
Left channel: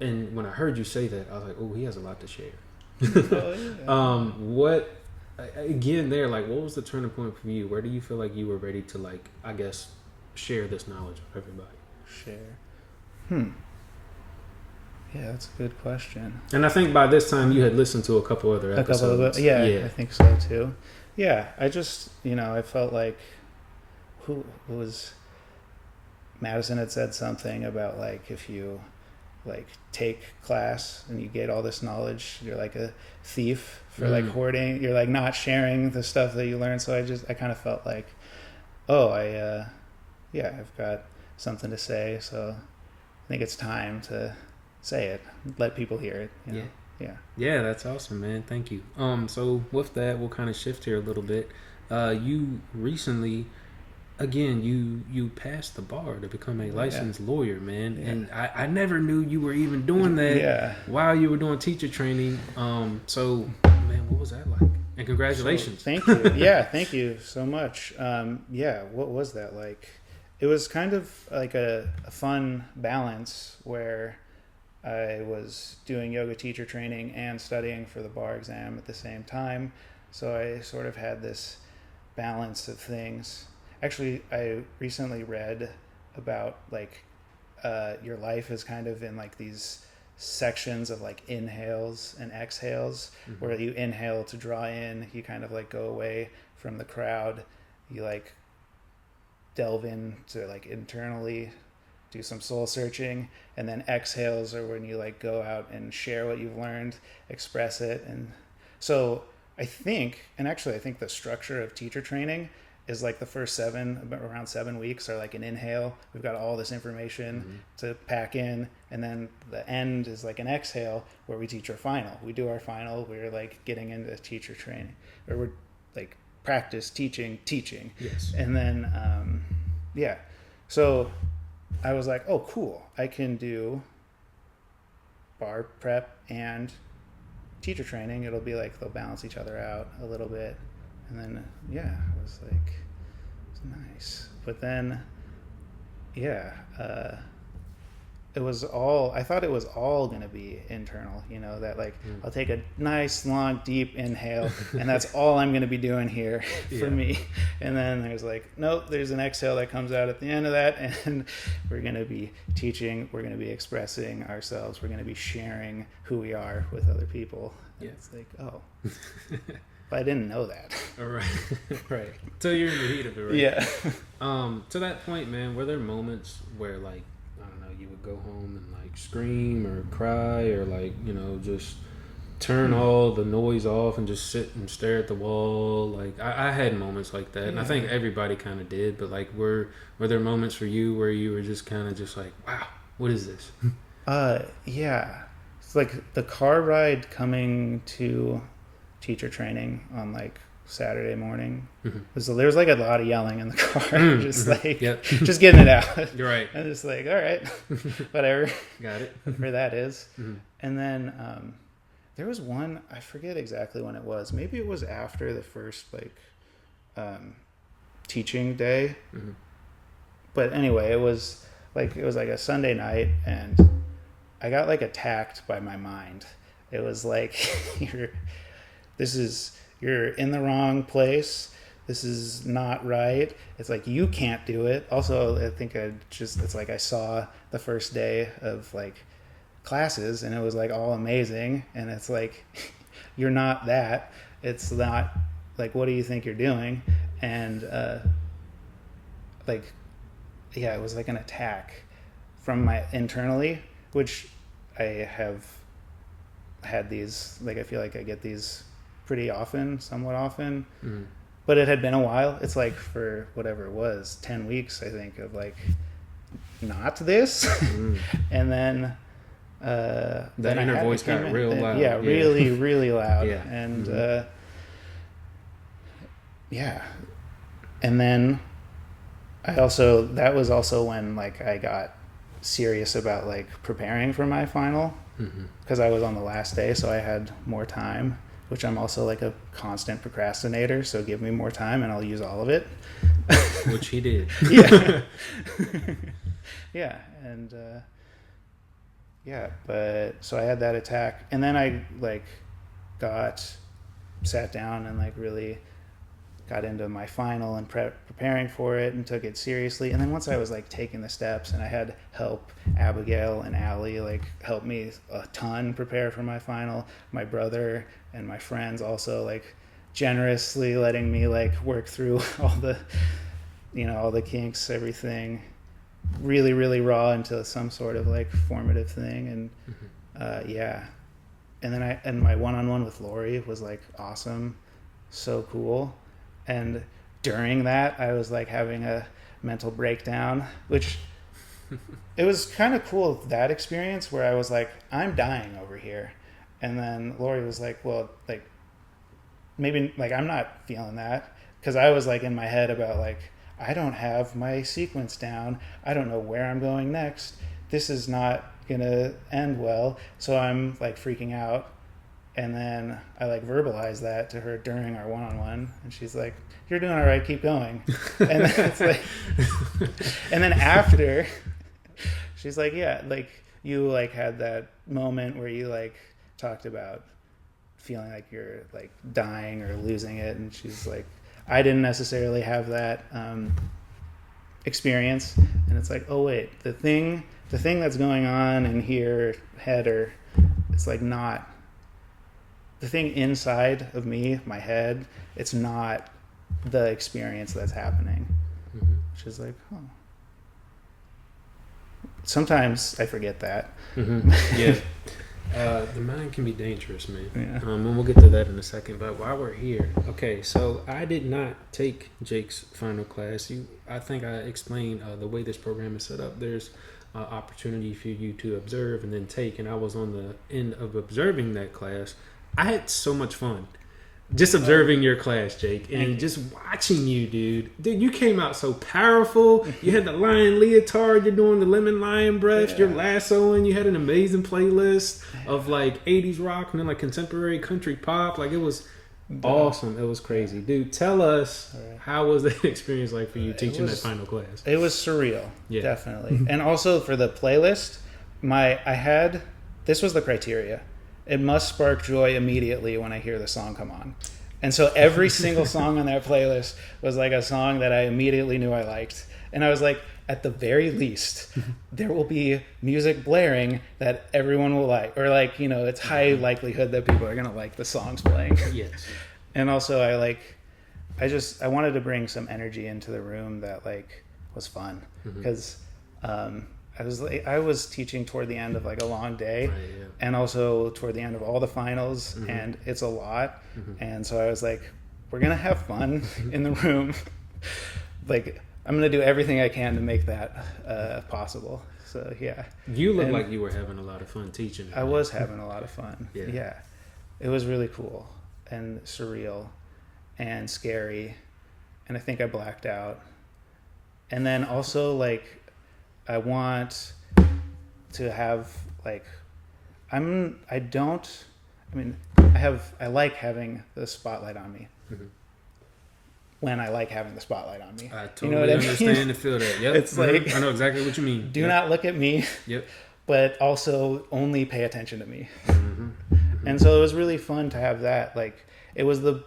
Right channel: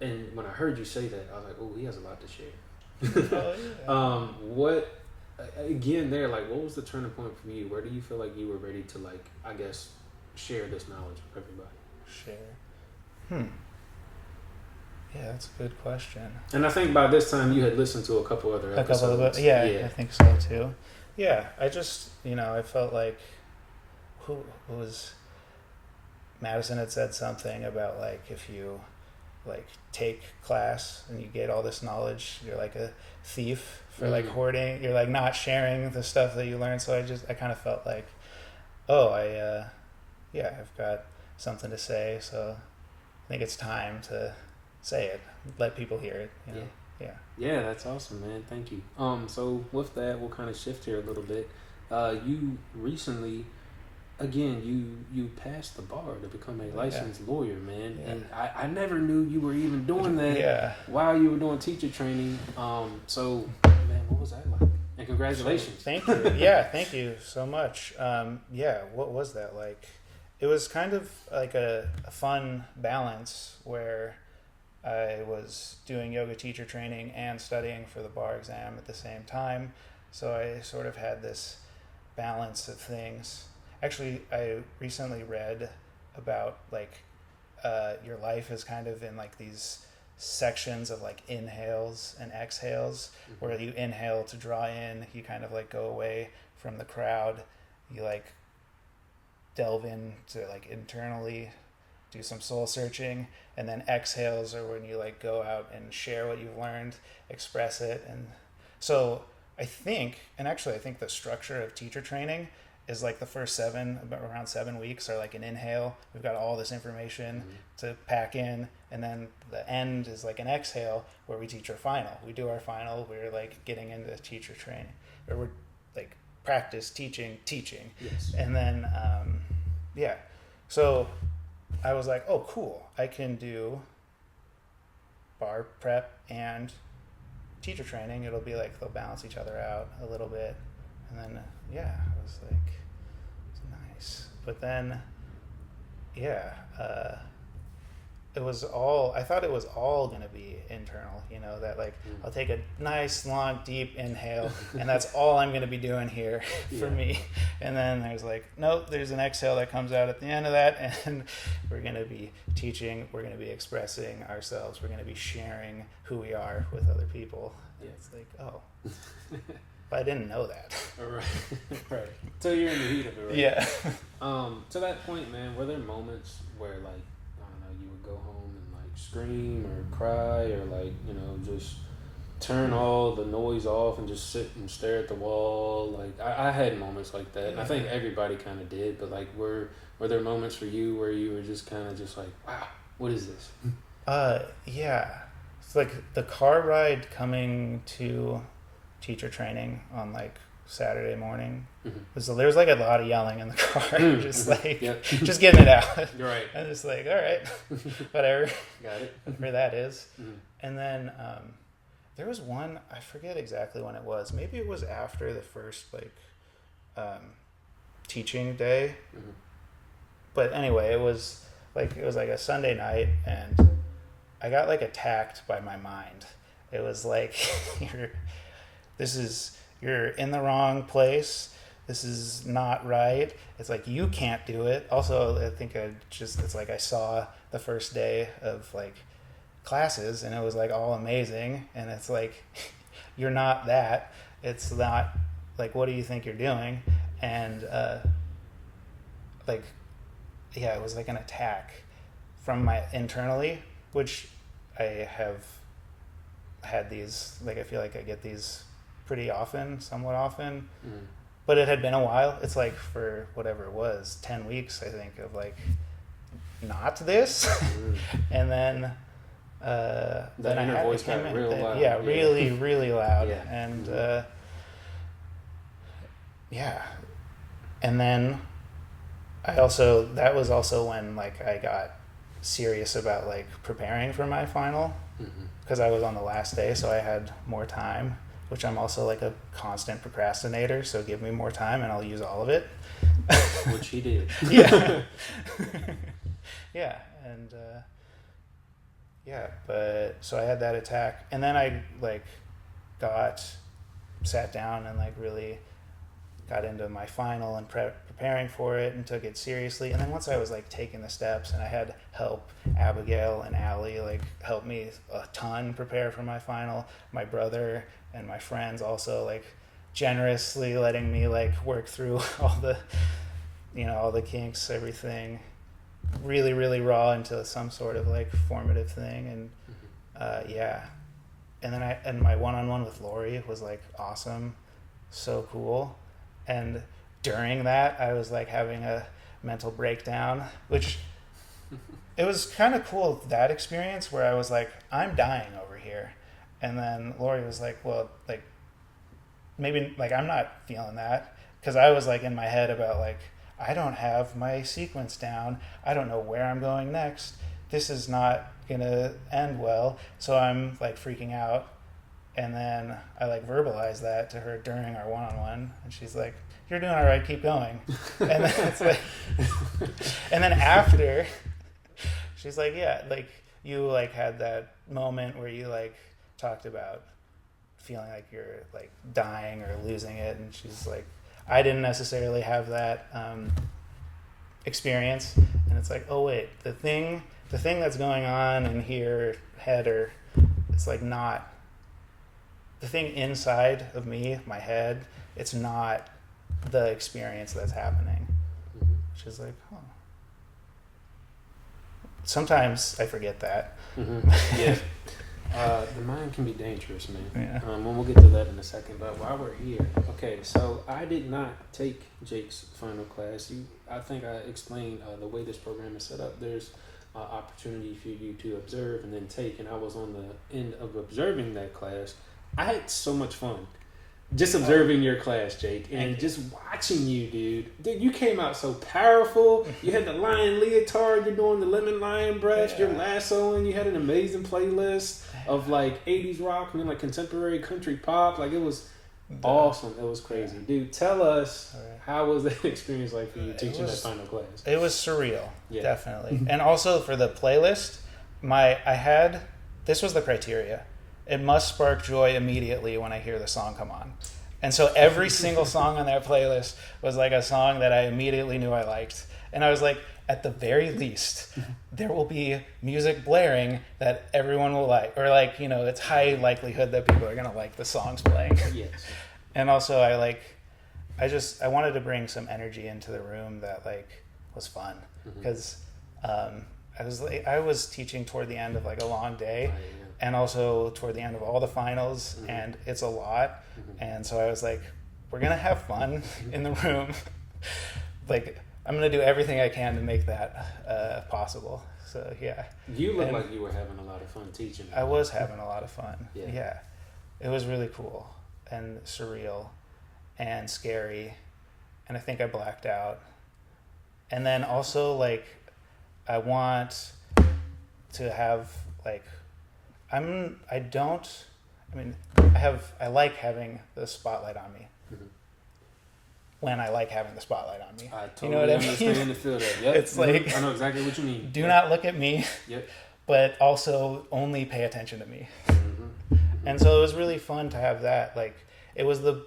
And when I heard you say that, I was like, "Oh, he has a lot to share." What was the turning point for you? Where do you feel like you were ready to, like, I guess, share this knowledge with everybody? Yeah, that's a good question. And I think by this time you had listened to a couple other episodes. I think so too. Yeah, I just, I felt like who was Madison had said something about like if you like take class and you get all this knowledge, you're like a thief for like hoarding. You're like not sharing the stuff that you learned. So I kind of felt like, I've got something to say. So I think it's time to say it, let people hear it. Yeah, that's awesome, man. Thank you. So with that, we'll kind of shift here a little bit. You recently, again, you passed the bar to become a licensed lawyer, man. And I never knew you were even doing that while you were doing teacher training. So man, what was that like? And congratulations. So, thank you. Yeah, thank you so much. What was that like? It was kind of like a fun balance where I was doing yoga teacher training and studying for the bar exam at the same time. So I sort of had this balance of things. Actually, I recently read about like your life is kind of in like these sections of like inhales and exhales, where you inhale to draw in, you kind of like go away from the crowd, you like delve into like internally, do some soul searching, and then exhales are when you like go out and share what you've learned, express it. And so I think the structure of teacher training is like the first around 7 weeks are like an inhale. We've got all this information to pack in, and then the end is like an exhale where we teach our final. We do our final. We're like getting into teacher training, or we're like practice teaching. Yes. And then so I was like, oh, cool. I can do bar prep and teacher training. It'll be like they'll balance each other out a little bit. And then, I was like, it's nice. But then, I thought it was all going to be internal, that like I'll take a nice, long, deep inhale, and that's all I'm going to be doing here for me. And then there's like, nope, there's an exhale that comes out at the end of that, and we're going to be teaching, we're going to be expressing ourselves, we're going to be sharing who we are with other people. And it's like, But I didn't know that. All right. Right. So you're in the heat of it, right? Yeah. To that point, man, were there moments where, like, I don't know, you would go home and, like, scream or cry or, like, you know, just turn all the noise off and just sit and stare at the wall? Like, I had moments like that, and I think everybody kind of did, but, like, were there moments for you where you were just kind of just like, wow, what is this? Yeah. It's like the car ride coming to teacher training on like Saturday morning. There was like a lot of yelling in the car, just like just getting it out. You're right. I'm just like, all right, whatever. Got it. Whatever that is. And then there was one, I forget exactly when it was. Maybe it was after the first like teaching day. But anyway, it was like a Sunday night, and I got like attacked by my mind. It was like you're in the wrong place. This is not right. It's like, you can't do it. Also, I think it's like I saw the first day of like classes, and it was like all amazing. And it's like, you're not that. It's not like, what do you think you're doing? And it was like an attack from my internally, which I have had these, like, I feel like I get these pretty often, somewhat often, but it had been a while. It's like for whatever it was, 10 weeks, I think, of like, not this. And then, then inner voice got real loud. Yeah, really, really loud. Yeah. And, and then that was also when like I got serious about like preparing for my final, because I was on the last day, so I had more time, which I'm also like a constant procrastinator, so give me more time and I'll use all of it. Which he did. Yeah. Yeah. And but so I had that attack, and then I like sat down and like really got into my final and preparing for it and took it seriously. And then once I was like taking the steps, and I had help, Abigail and Allie like helped me a ton prepare for my final. My brother and my friends also like generously letting me like work through all the kinks, everything really, really raw into some sort of like formative thing. And and then my one-on-one with Lori was like awesome, so cool. And during that, I was like having a mental breakdown, which it was kind of cool, that experience where I was like, I'm dying over here. And then Lori was like, well, like, maybe like I'm not feeling that, because I was like in my head about like, I don't have my sequence down. I don't know where I'm going next. This is not going to end well. So I'm like freaking out. And then I like verbalized that to her during our one-on-one, and she's like, "You're doing all right. Keep going." And then it's like, and then after, she's like, "Yeah, like you like had that moment where you like talked about feeling like you're like dying or losing it," and she's like, "I didn't necessarily have that experience." And it's like, oh wait, the thing that's going on in here, head, or it's like not. The thing inside of me, my head, it's not the experience that's happening. Which is like, oh. Sometimes I forget that. Yeah. The mind can be dangerous, man. Yeah. And we'll get to that in a second. But while we're here, okay, so I did not take Jake's final class. I think I explained the way this program is set up. There's opportunity for you to observe and then take, and I was on the end of observing that class. I had so much fun just observing your class, Jake, and just watching you, dude. Dude, you came out so powerful. You had the lion leotard. You're doing the lemon lion breath. You're lassoing. You had an amazing playlist of like 80s rock and then like contemporary country pop. Like, it was awesome. It was crazy. Dude, tell us, how was that experience like for you teaching that final class? It was surreal, definitely. And also for the playlist, this was the criteria. It must spark joy immediately when I hear the song come on. And so every single song on that playlist was like a song that I immediately knew I liked. And I was like, at the very least, there will be music blaring that everyone will like. Or like, it's high likelihood that people are going to like the songs playing. Yes. And also I wanted to bring some energy into the room that like was fun because I was teaching toward the end of like a long day, and also toward the end of all the finals, and it's a lot. And so I was like, we're gonna have fun in the room. Like I'm gonna do everything I can to make that possible. So yeah. You look like you were having a lot of fun teaching. I was having a lot of fun. Yeah. It was really cool and surreal and scary, and I think I blacked out. And then also like I want to have like I like having the spotlight on me. When I like having the spotlight on me. I totally understand and feel that. Yep. It's like I know exactly what you mean. Do not look at me. Yep. But also only pay attention to me. And so it was really fun to have that. Like it was the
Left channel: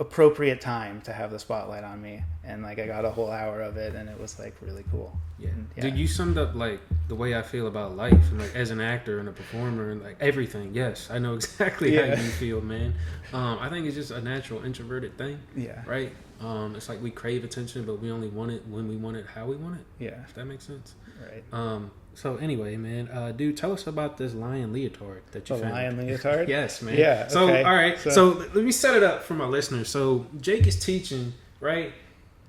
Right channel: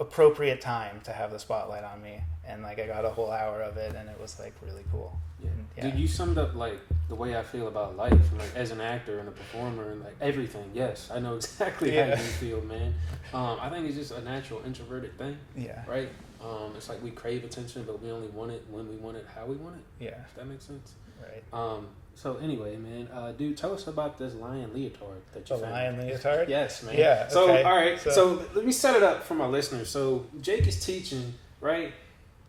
appropriate time to have the spotlight on me, and like I got a whole hour of it, and it was like really cool. Yeah. Dude, you summed up like the way I feel about life, and like as an actor and a performer and like everything. Yes, I know exactly how you feel, man. I think it's just a natural introverted thing. Yeah. Right. It's like we crave attention, but we only want it when we want it, how we want it. Yeah. If that makes sense. Right. So anyway, man, dude, tell us about this lion leotard that you found. The lion leotard? Yes, man. Yeah. So, all right. So let me set it up for my listeners. So Jake is teaching, right?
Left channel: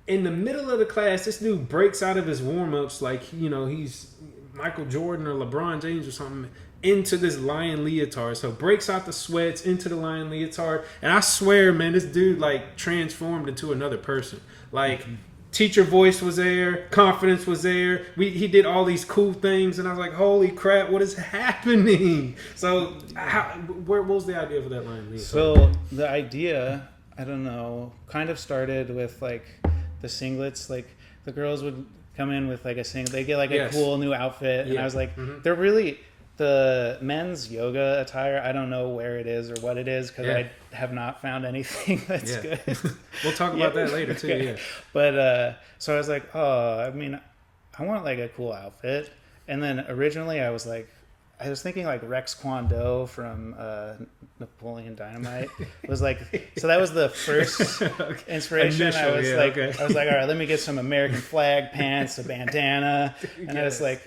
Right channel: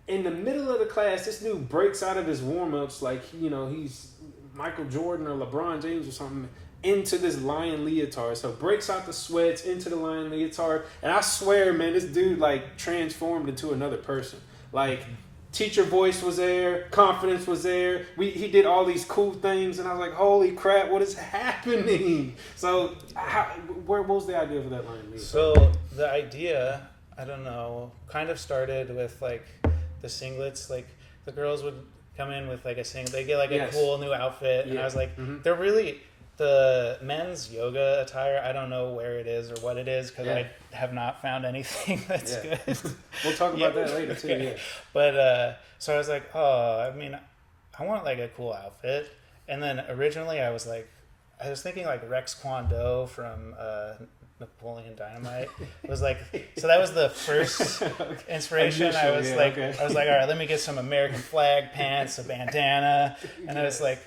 In the middle of the class, this dude breaks out of his warm-ups like, he's Michael Jordan or LeBron James or something, into this lion leotard. So breaks out the sweats into the lion leotard. And I swear, man, this dude like transformed into another person. Like teacher voice was there, confidence was there. He did all these cool things, and I was like, holy crap, what is happening? So what was the idea for that lion leotard? So the idea, I don't know, kind of started with like the singlets. Like the girls would come in with like a singlet. They get like a cool new outfit, and I was like, they're really the men's yoga attire. I don't know where it is or what it is because I have not found anything that's good. We'll talk about that later too. Okay. But so I was like, I want like a cool outfit. And then originally I was thinking like Rex Kwon Do from Napoleon Dynamite. It was like, so that was the first inspiration. I was like, all right, let me get some American flag pants, a bandana, and I was like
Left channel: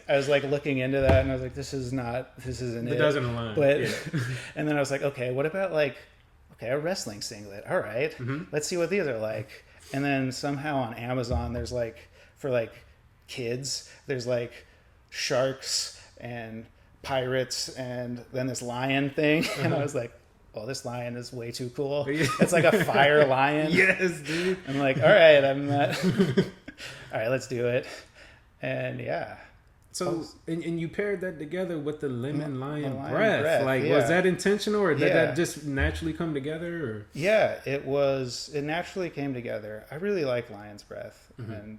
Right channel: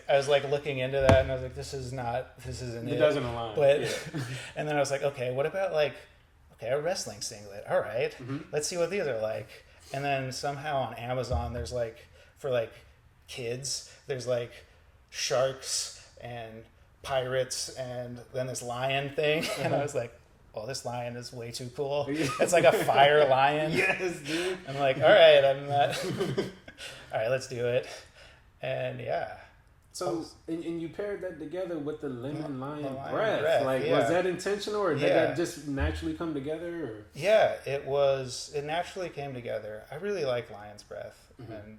looking into that, and I was like, this isn't it. It doesn't align. But and then I was like, okay, what about like, a wrestling singlet? All right, let's see what these are like. And then somehow on Amazon, there's like for like kids, there's like sharks and pirates and then this lion thing, and I was like, well, this lion is way too cool. It's like a fire lion. Yes, dude. I'm like, all right, all right, let's do it. And so and you paired that together with the lemon lion breath. Like was that intentional, or did that just naturally come together? Or? Yeah, it naturally came together. I really like lion's breath, and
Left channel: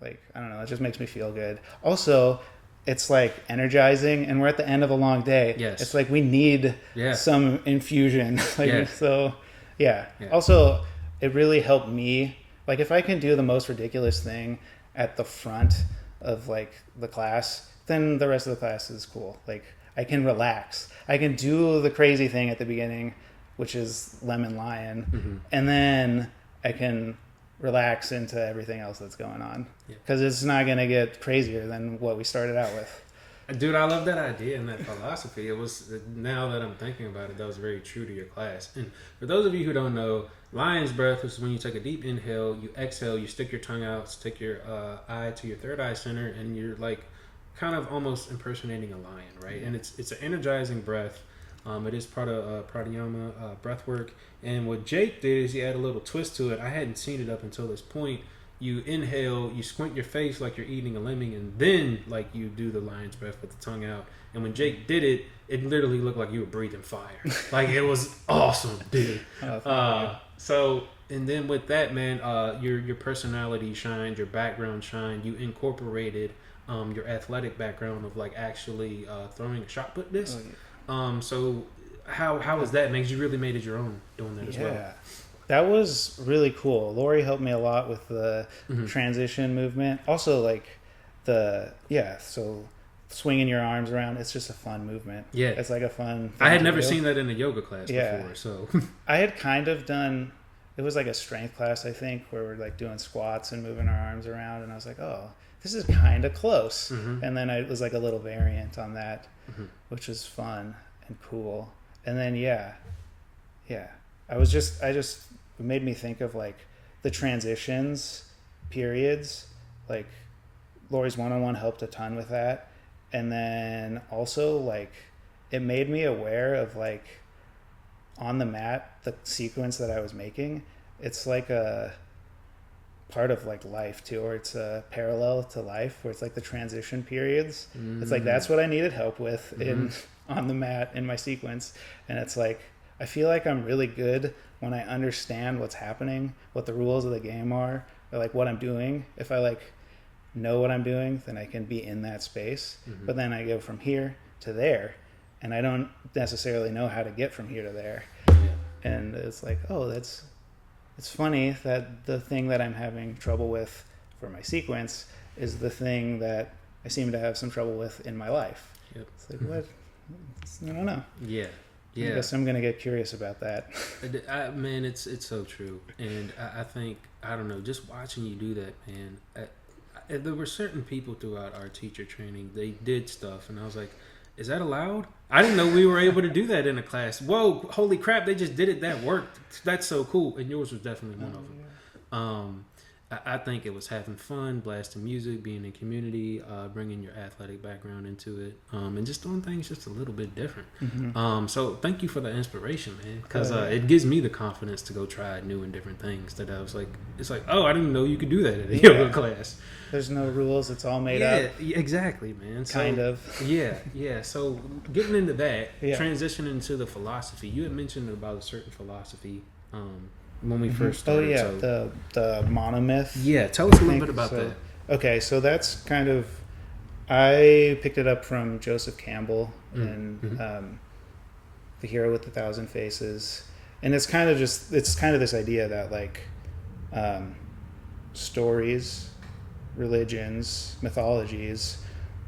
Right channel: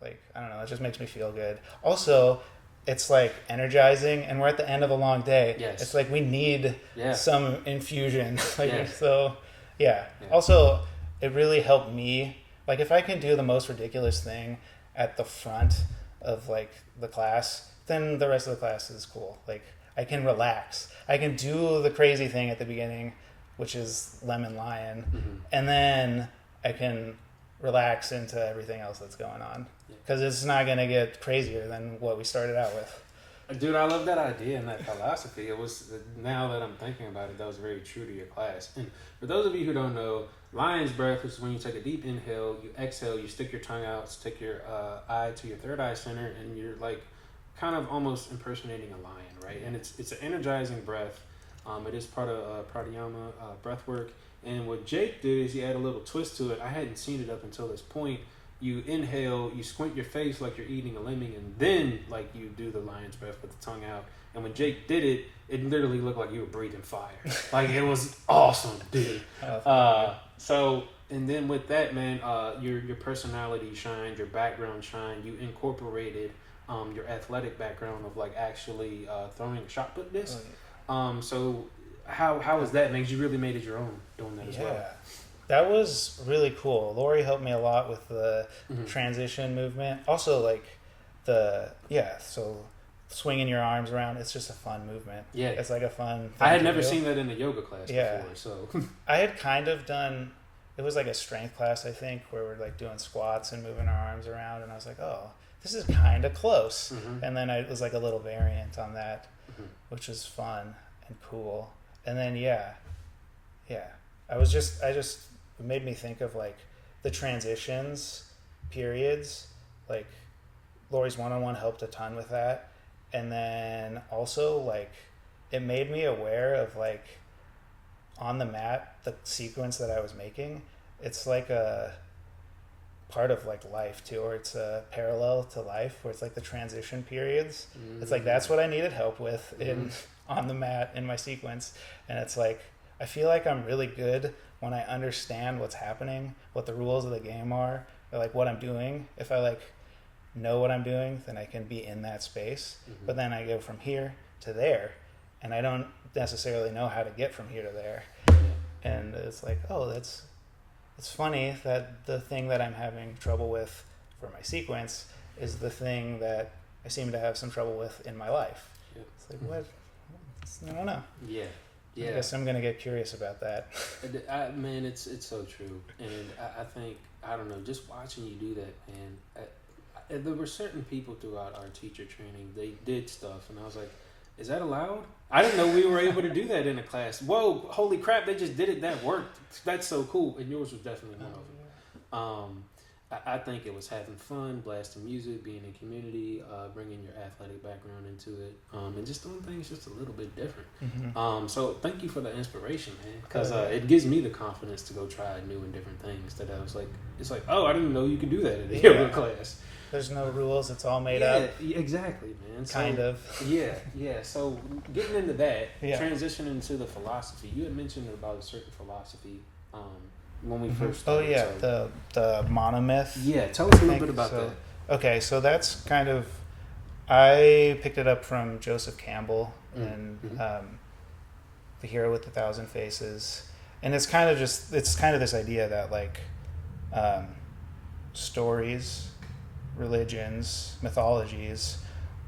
like I don't know, it just makes me feel good. Also, it's like energizing, and we're at the end of a long day. Yes. It's like we need some infusion. Also, it really helped me. Like if I can do the most ridiculous thing at the front of like the class, then the rest of the class is cool. Like I can relax. I can do the crazy thing at the beginning, which is lemon lion, and then I can relax into everything else that's going on, because it's not going to get crazier than what we started out with. Dude, I love that idea and that philosophy. It was, now that I'm thinking about it, that was very true to your class. And for those of you who don't know, lion's breath is when you take a deep inhale, you exhale, you stick your tongue out, stick your eye to your third eye center, and you're like kind of almost impersonating a lion, right? And it's an energizing breath. It is part of pranayama breath work. And what Jake did is he had a little twist to it. I hadn't seen it up until this point. You inhale, you squint your face like you're eating a lemming, and then like you do the lion's breath with the tongue out. And when Jake did it, it literally looked like you were breathing fire. Like it was awesome, dude. So, and then with that, man, your personality shined, your background shined. You incorporated your athletic background of like actually throwing a shot put disc. So how was that? Because you really made it your own doing that as well. Yeah, that was really cool. Lori helped me a lot with the transition movement. Also, like so swinging your arms around. It's just a fun movement. Yeah. It's like a fun thing I had to never do. seen that in a yoga class before, so. I had kind of done, it was like a strength class, I think, where we're like doing squats and moving our arms around, and I was like, oh, this is kind of close. Mm-hmm. And then it was like a little variant on that, which was fun and cool. And then I just it made me think of like the transitions periods. Like Lori's one-on-one helped a ton with that. And then also like it made me aware of like on the mat, the sequence that I was making, it's like a part of like life too, or it's a parallel to life where it's like the transition periods. It's like that's what I needed help with in on the mat in my sequence. And it's like I feel like I'm really good when I understand what's happening, what the rules of the game are, or like what I'm doing. If I like know what I'm doing, then I can be in that space. But then I go from here to there, and I don't necessarily know how to get from here to there. And it's like, oh, it's funny that the thing that I'm having trouble with for my sequence is the thing that I seem to have some trouble with in my life. Yep. It's like, what? I don't know. Yeah. I guess I'm going to get curious about that. Man, it's so true. And I think, I don't know, just watching you do that, man, there were certain people throughout our teacher training, they did stuff, and I was like, is that allowed? I didn't know we were able to do that in a class. Whoa, holy crap, they just did it. That worked. That's so cool. And yours was definitely one of them. I think it was having fun, blasting music, being in community, bringing your athletic background into it, and just doing things just a little bit different. So thank you for the inspiration, man, because it gives me the confidence to go try new and different things that I was like, it's like, oh, I didn't know you could do that in a yoga class. There's no rules. It's all made up. Yeah, exactly, man. So, kind of. Yeah. So getting into that, transitioning into the philosophy, you had mentioned about a certain philosophy when we first started. The monomyth. Yeah, tell us a little bit about that. Okay, so that's kind of, I picked it up from Joseph Campbell and The Hero with 1,000 Faces. And it's kind of this idea that like stories, religions, mythologies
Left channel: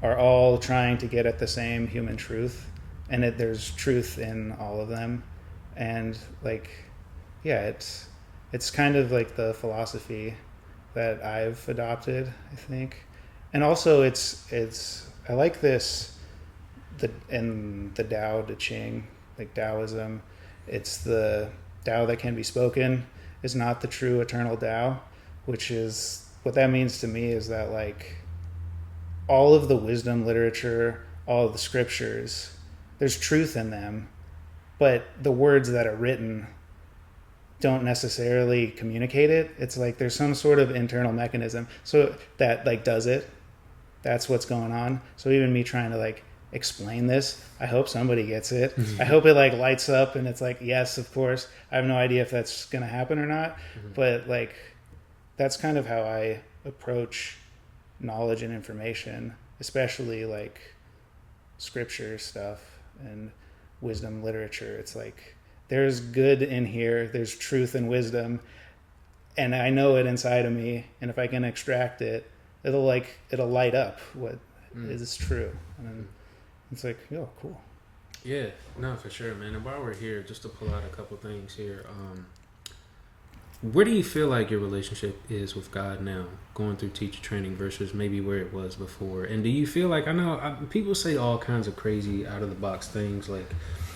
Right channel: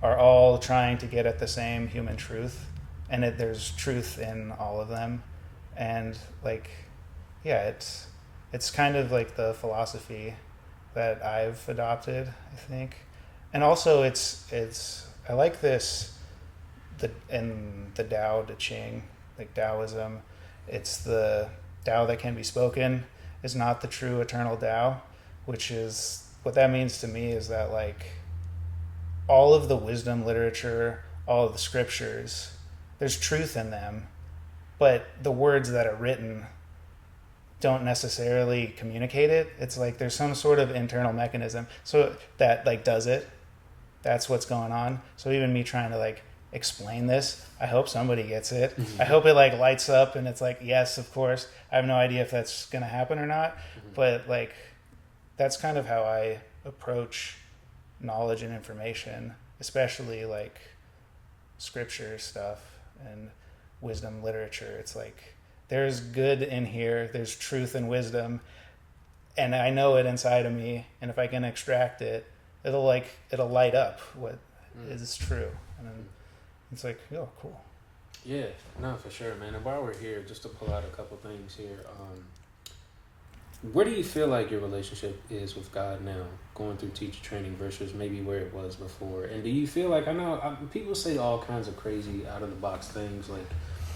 are all trying to get at the same human truth, and there's truth in all of them. And like, it's kind of like the philosophy that I've adopted, I think. And also it's I like this in the Tao Te Ching, like Taoism, it's the Tao that can be spoken is not the true eternal Tao, which is what that means to me is that like all of the wisdom literature, all of the scriptures, there's truth in them, but the words that are written don't necessarily communicate it. It's like there's some sort of internal mechanism so that like does it. That's what's going on. So even me trying to like explain this, I hope somebody gets it. I hope it like lights up and it's like, yes, of course. I have no idea if that's gonna happen or not, but like that's kind of how I approach knowledge and information, especially like scripture stuff and wisdom literature. It's like there's good in here, there's truth and wisdom, and I know it inside of me, and if I can extract it, it'll light up what is true. And then it's like, oh, cool. Yeah, no, for sure, man. And while we're here, just to pull out a couple things here, where do you feel like your relationship is with God now, going through teacher training versus maybe where it was before? And do you feel like, people say all kinds of crazy out of the box things like,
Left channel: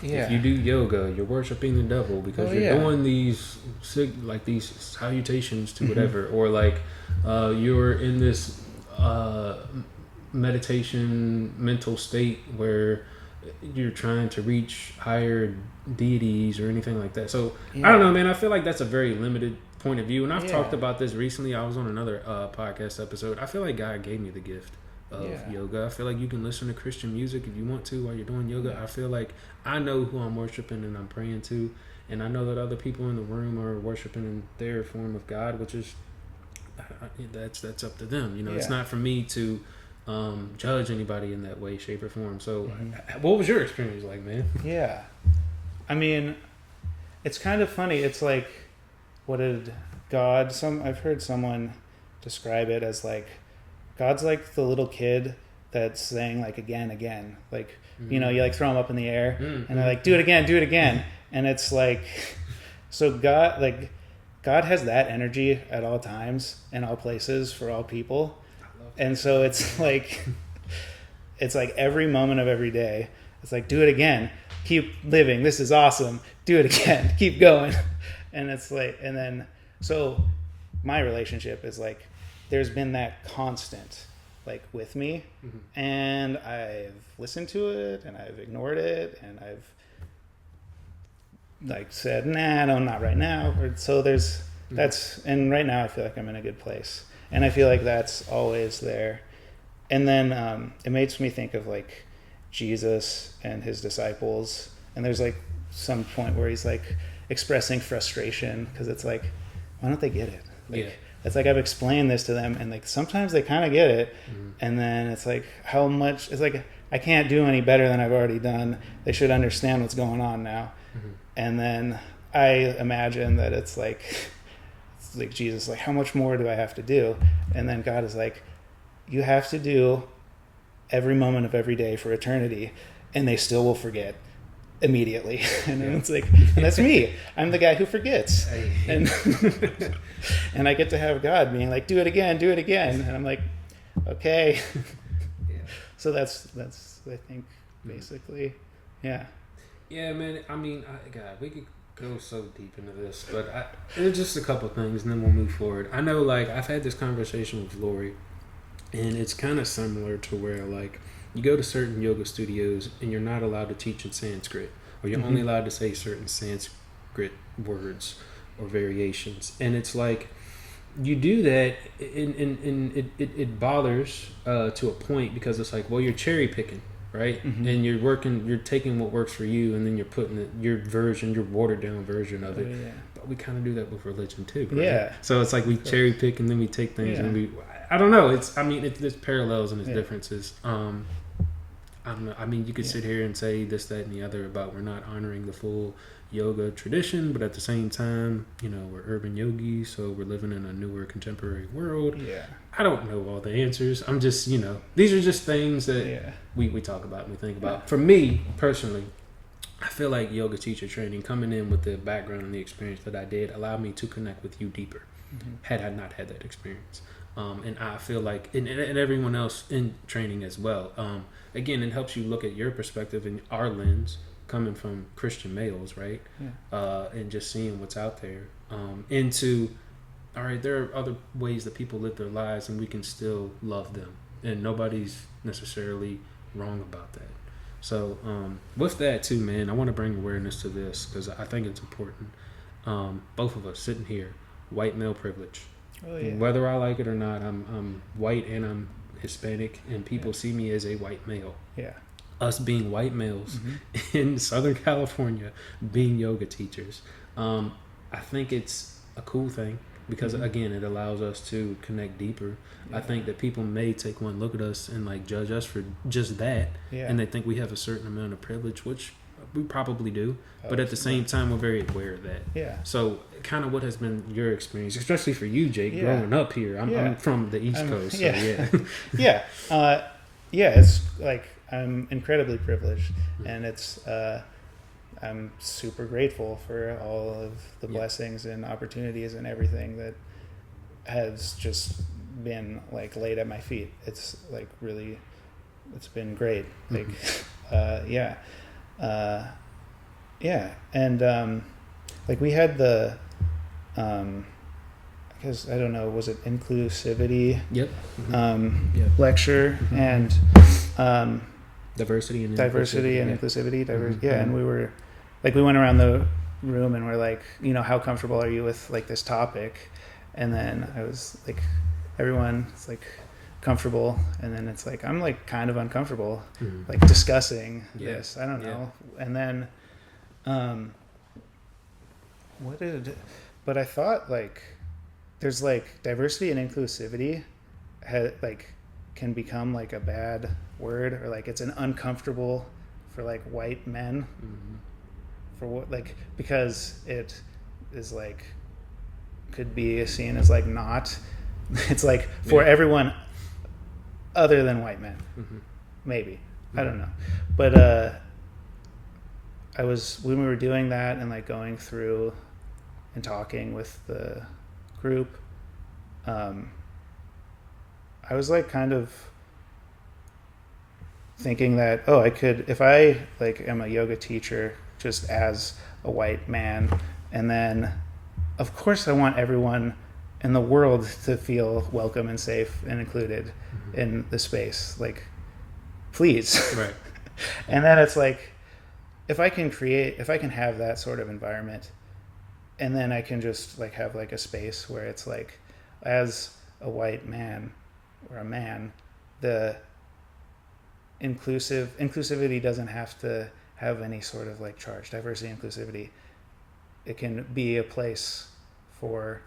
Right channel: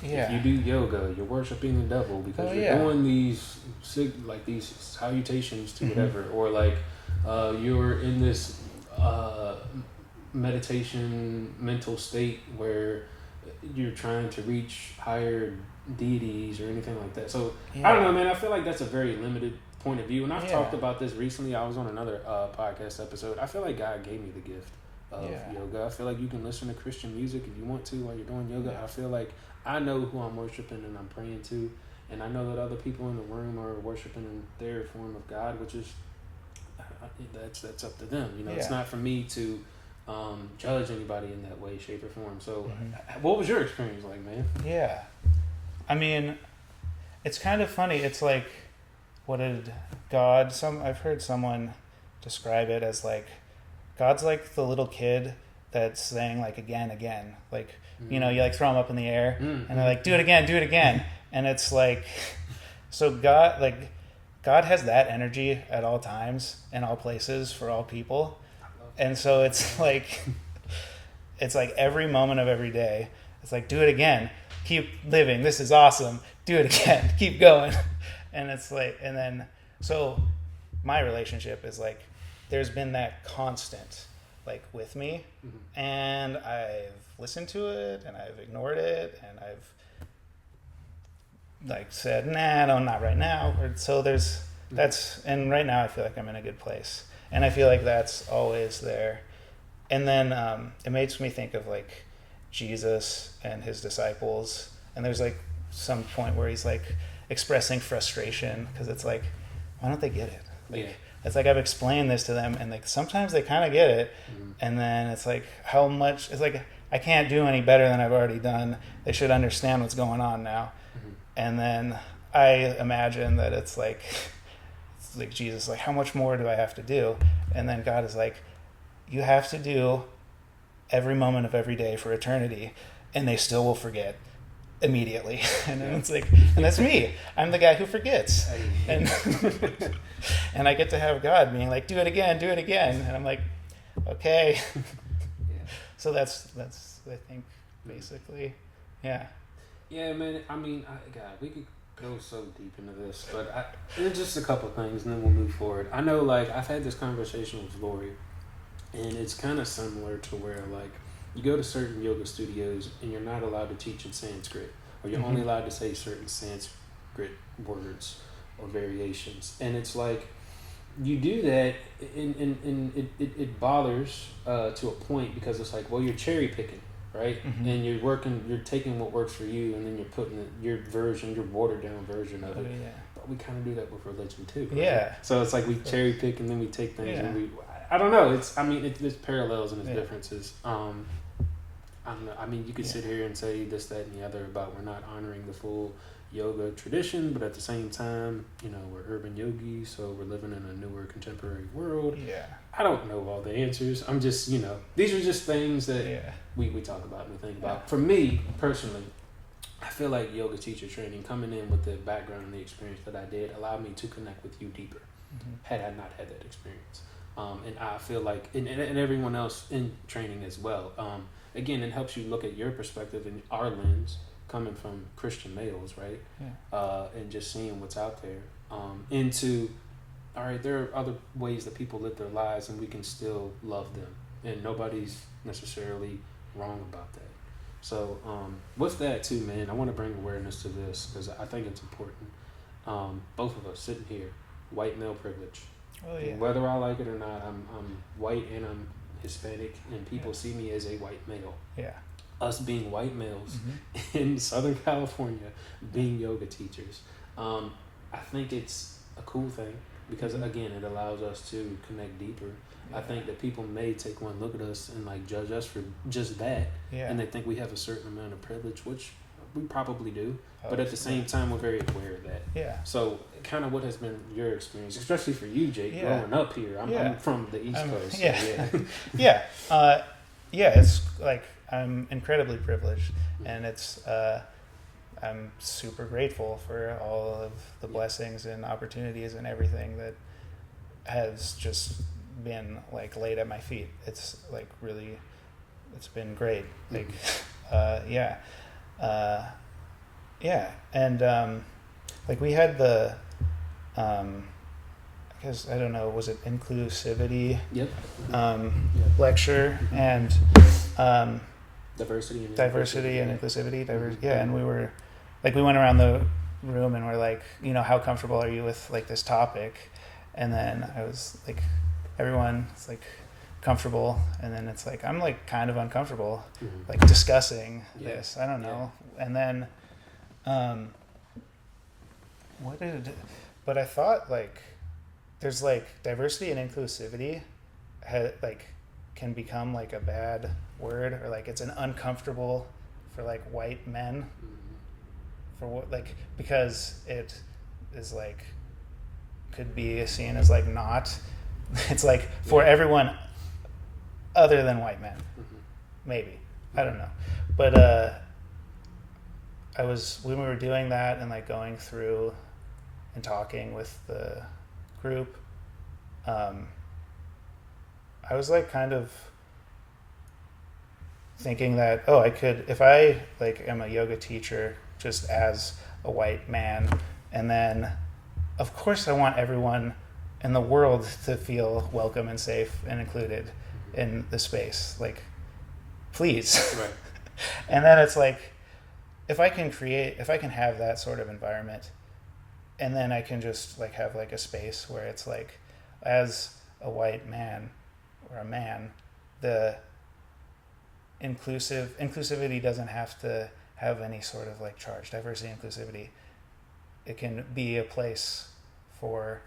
if you do yoga, you're worshiping the devil because you're doing these salutations to whatever, or like you're in this meditation mental state where you're trying to reach higher deities or anything like that. So I don't know, man. I feel like that's a very limited point of view, and I've talked about this recently. I was on another podcast episode. I feel like God gave me the gift of yoga. I feel like you can listen to Christian music if you want to while you're doing yoga. I feel like I know who I'm worshiping and I'm praying to, and I know that other people in the room are worshiping in their form of God, which is that's up to them. You know, it's not for me to judge anybody in that way, shape, or form. So, what was your experience like, man? Yeah, I mean, it's kind of funny. It's like, what did God? I've heard someone describe it as like, God's like the little kid that's saying like again, like, Mm-hmm. you know, you like throw them up in the air Mm-hmm. and they're like, do it again. And it's like, so God has that energy at all times, in all places, for all people. And so it's like every moment of every day, it's like, do it again, keep living, this is awesome, do it again, keep going. And it's like, and then, so my relationship is like, there's been that constant, like, with me, and I've listened to it, and I've ignored it, and I've like said, nah, no, not right now. Or, so and right now I feel like I'm in a good place, and I feel like that's always there. And then it makes me think of like Jesus and his disciples, and there's like some point where he's like expressing frustration because it's like, why don't they get it? Like, it's like, I've explained this to them, and like sometimes they kind of get it, and then it's like, how much? It's like, I can't do any better than I've already done. They should understand what's going on now. And then I imagine that it's like Jesus, like, how much more do I have to do? And then God is like, you have to do every moment of every day for eternity, and they still will forget immediately. And then it's like, and that's me. I'm the guy who forgets. And and I get to have God being like, do it again. And I'm like, okay. So that's I think basically, yeah. Yeah, man. I mean, God, we could go so deep into this, but there's just a couple things, and then we'll move forward. I know, like, I've had this conversation with Lori, and it's kind of similar to where, like, you go to certain yoga studios, and you're not allowed to teach in Sanskrit, or you're only allowed to say certain Sanskrit words or variations, and it's like, you do that, and it bothers to a point, because it's like, well, you're cherry picking. Right? And you're taking what works for you, and then you're putting your watered down version of it. Yeah. But we kind of do that with religion too. Right? Yeah. So it's like we cherry pick, and then we take things, and I don't know. There's parallels and there's differences. I mean, you could sit here and say this, that, and the other about we're not honoring the full yoga tradition, but at the same time, you know, we're urban yogis, so we're living in a newer contemporary world. Yeah. I don't know all the answers. I'm just, you know, these are just things that we talk about and we think about. For me, personally, I feel like yoga teacher training, coming in with the background and the experience that I did, allowed me to connect with you deeper, had I not had that experience. And I feel like, and everyone else in training as well, again, it helps you look at your perspective and our lens, coming from Christian males, right? And just seeing what's out there. All right, there are other ways that people live their lives, and we can still love them, and nobody's necessarily wrong about that. So with that too, man, I want to bring awareness to this, because I think it's important. Both of us sitting here, white male privilege. Oh, yeah. Whether I like it or not, I'm white and I'm Hispanic, and people see me as a white male. Yeah. Us being white males in Southern California, being yoga teachers, I think it's a cool thing, because again, it allows us to connect deeper. I think that people may take one look at us and like judge us for just that, and they think we have a certain amount of privilege, which we probably do, but at the same time, we're very aware of that. Yeah. So kind of what has been your experience, especially for you, Jake, growing up here? I'm from the East Coast. So it's like, I'm incredibly privileged, and it's I'm super grateful for all of the blessings and opportunities and everything that has just been like laid at my feet. It's like really, it's been great. Like, and like we had the because I don't know, was it inclusivity lecture, and diversity and inclusivity, and we were like, we went around the room and we're like, you know, how comfortable are you with like this topic? And then I was like, everyone's like comfortable, and then it's like, I'm like kind of uncomfortable like discussing this. I don't know. And then but I thought like there's like diversity and inclusivity can become like a bad word, or like it's an uncomfortable for like white men, for what, like, because it is like could be seen as like not, it's like for everyone other than white men, maybe. I don't know. But when we were doing that and like going through and talking with the group, I was like kind of thinking that, oh, I could, if I like am a yoga teacher just as a white man, and then of course I want everyone in the world to feel welcome and safe and included in the space, like, please. Right. And then it's like, if I can have that sort of environment, and then I can just like have like a space where it's like, as a white man or a man, the inclusivity doesn't have to have any sort of like charge. Diversity, inclusivity, it can be a place for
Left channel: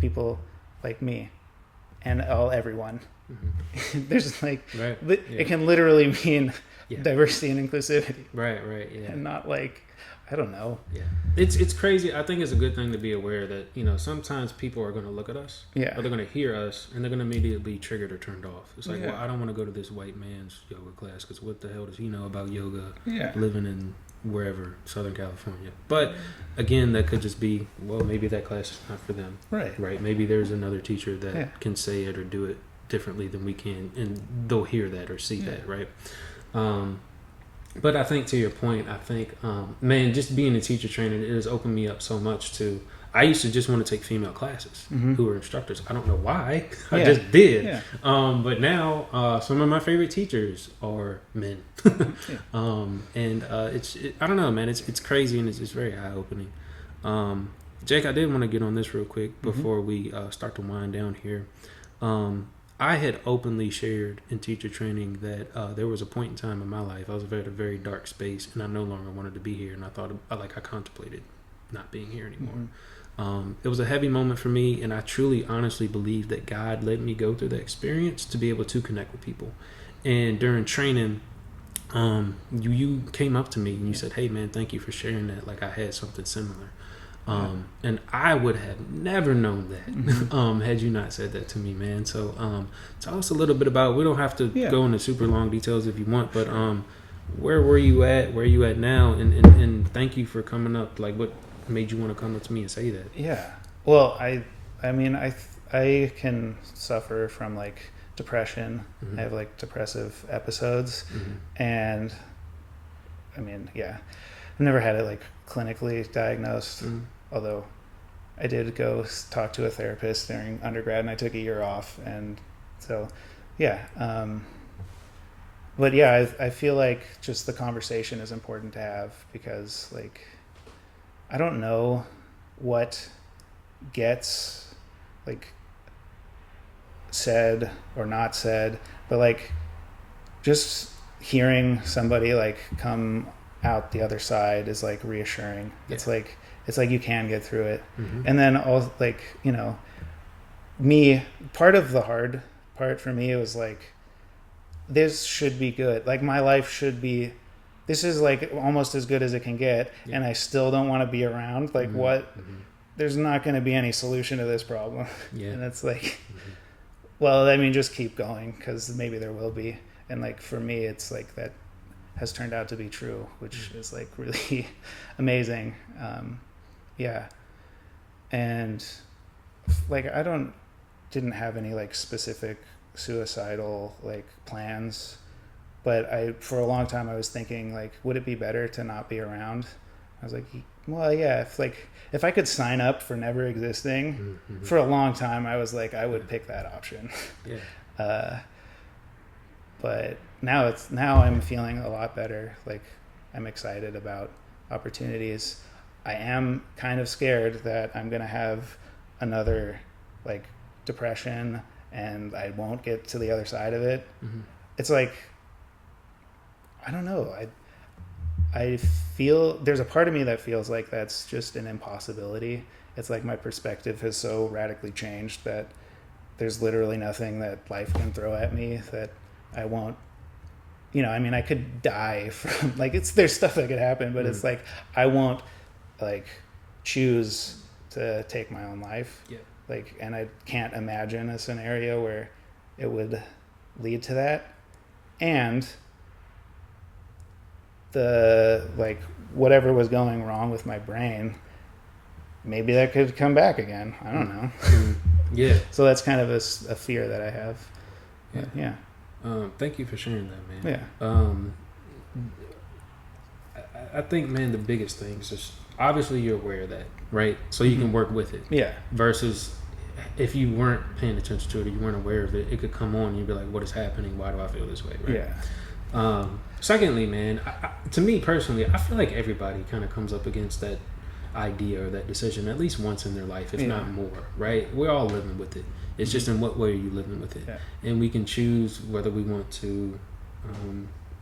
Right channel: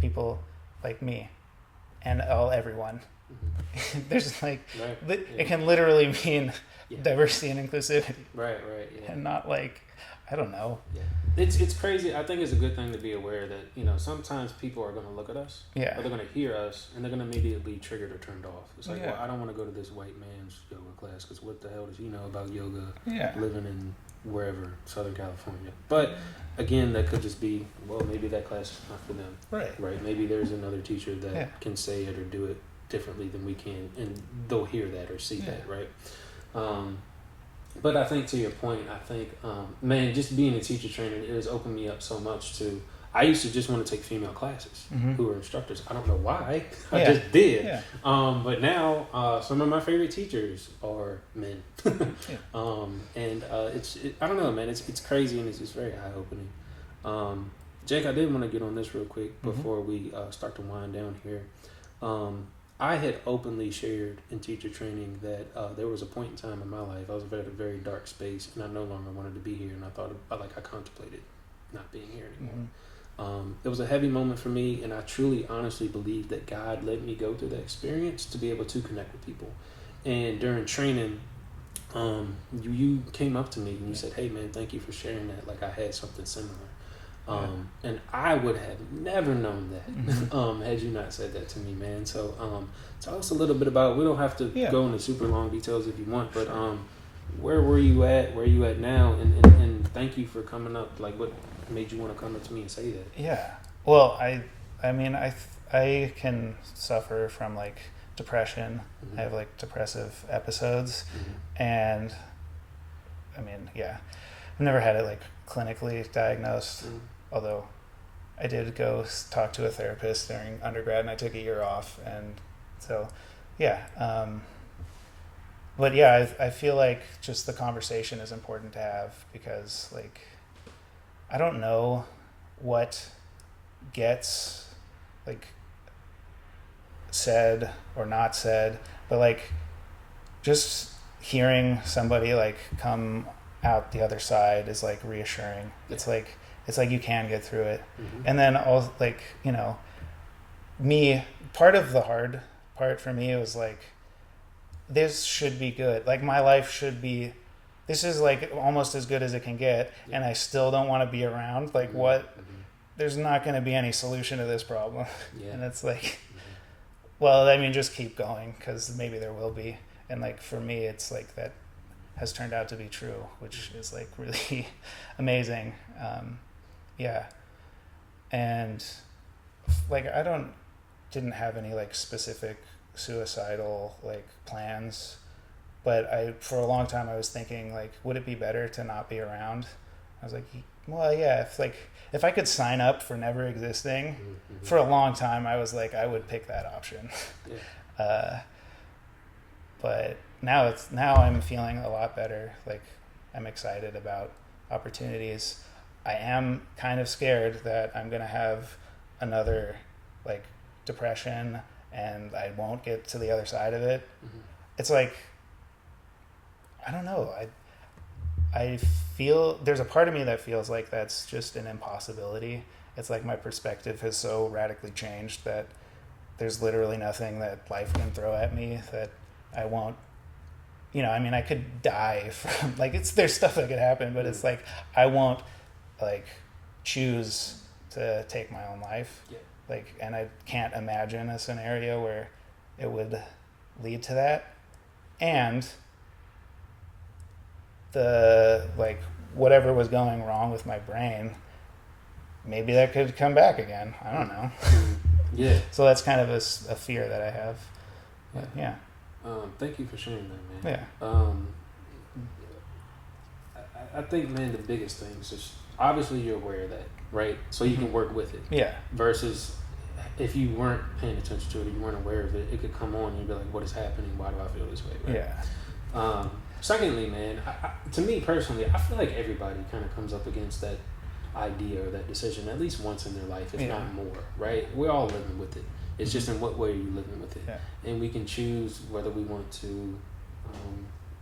people like me and everyone. There's like, it can literally mean diversity and inclusivity, right, and not like, I don't know. It's crazy. I think it's a good thing to be aware that, you know, sometimes people are going to look at us, or they're going to hear us, and they're going to immediately be triggered or turned off. It's like, well, I don't want to go to this white man's yoga class because what the hell does he know about yoga? Living in wherever, Southern California. But again, that could just be, well, maybe that class is not for them. Right. Maybe there's another teacher that can say it or do it differently than we can, and they'll hear that or see that, right? But I think, to your point, I think, man, just being a teacher trainer, it has opened me up so much to, I used to just want to take female classes who were instructors. I don't know why. I just did. But now, some of my favorite teachers are men. And I don't know, man, it's crazy, and it's just very eye-opening. Jake, I did want to get on this real quick before we start to wind down here. I had openly shared in teacher training that there was a point in time in my life I was at a very dark space, and I no longer wanted to be here, and I contemplated not being here anymore. It was a heavy moment for me, and I truly, honestly believe that God let me go through that experience to be able to connect with people. And during training, you came up to me and you said, "Hey, man, thank you for sharing that. Like, I had something similar." And I would have never known that had you not said that to me, man. So tell us a little bit about, we don't have to go into super long details if you want, but where were you at, where are you at now, and thank you for coming up. Like, what made you want to come up to me and say that? Well, I mean, I can suffer from like depression. I have like depressive episodes, and I mean, I've never had it like clinically diagnosed, although I did go talk to a therapist during undergrad, and I took a year off, and so but I feel like just the conversation is important to have, because like, I don't know what gets like said or not said, but like, just hearing somebody like come out the other side is like reassuring. It's like you can get through it. And then all, like, you know, part of the hard part for me was like, this should be good. Like, my life should be, this is like almost as good as it can get, and I still don't want to be around. Like, what? There's not going to be any solution to this problem. And it's like, well, I mean, just keep going, because maybe there will be. And like, for me, it's like that has turned out to be true, which is like really amazing. And like, I didn't have any like specific suicidal like plans, but for a long time I was thinking like, would it be better to not be around? I was like, well, yeah, if I could sign up for never existing, for a long time I was like, I would pick that option. But now I'm feeling a lot better. Like, I'm excited about opportunities. I am kind of scared that I'm going to have another like depression and I won't get to the other side of it. It's like, I don't know. I feel there's a part of me that feels like that's just an impossibility. It's like my perspective has so radically changed that there's literally nothing that life can throw at me that I won't, you know, I mean, I could die from, like, there's stuff that could happen, but it's like, I won't like choose to take my own life. Like, and I can't imagine a scenario where it would lead to that, and the like whatever was going wrong with my brain, maybe that could come back again. I don't know. Yeah. So that's kind of a fear that I have. But, yeah. Thank you for sharing that, man. Yeah. I think, man, the biggest thing is just obviously you're aware of that, right? So you can work with it. Yeah. Versus if you weren't paying attention to it, you weren't aware of it, it could come on and you'd be like, what is happening? Why do I feel this way? Right? Yeah. Secondly, man, to me personally, I feel like everybody kind of comes up against that idea or that decision at least once in their life, if not more, right? We're all living with it. It's just in what way are you living with it? Yeah. And we can choose whether we want to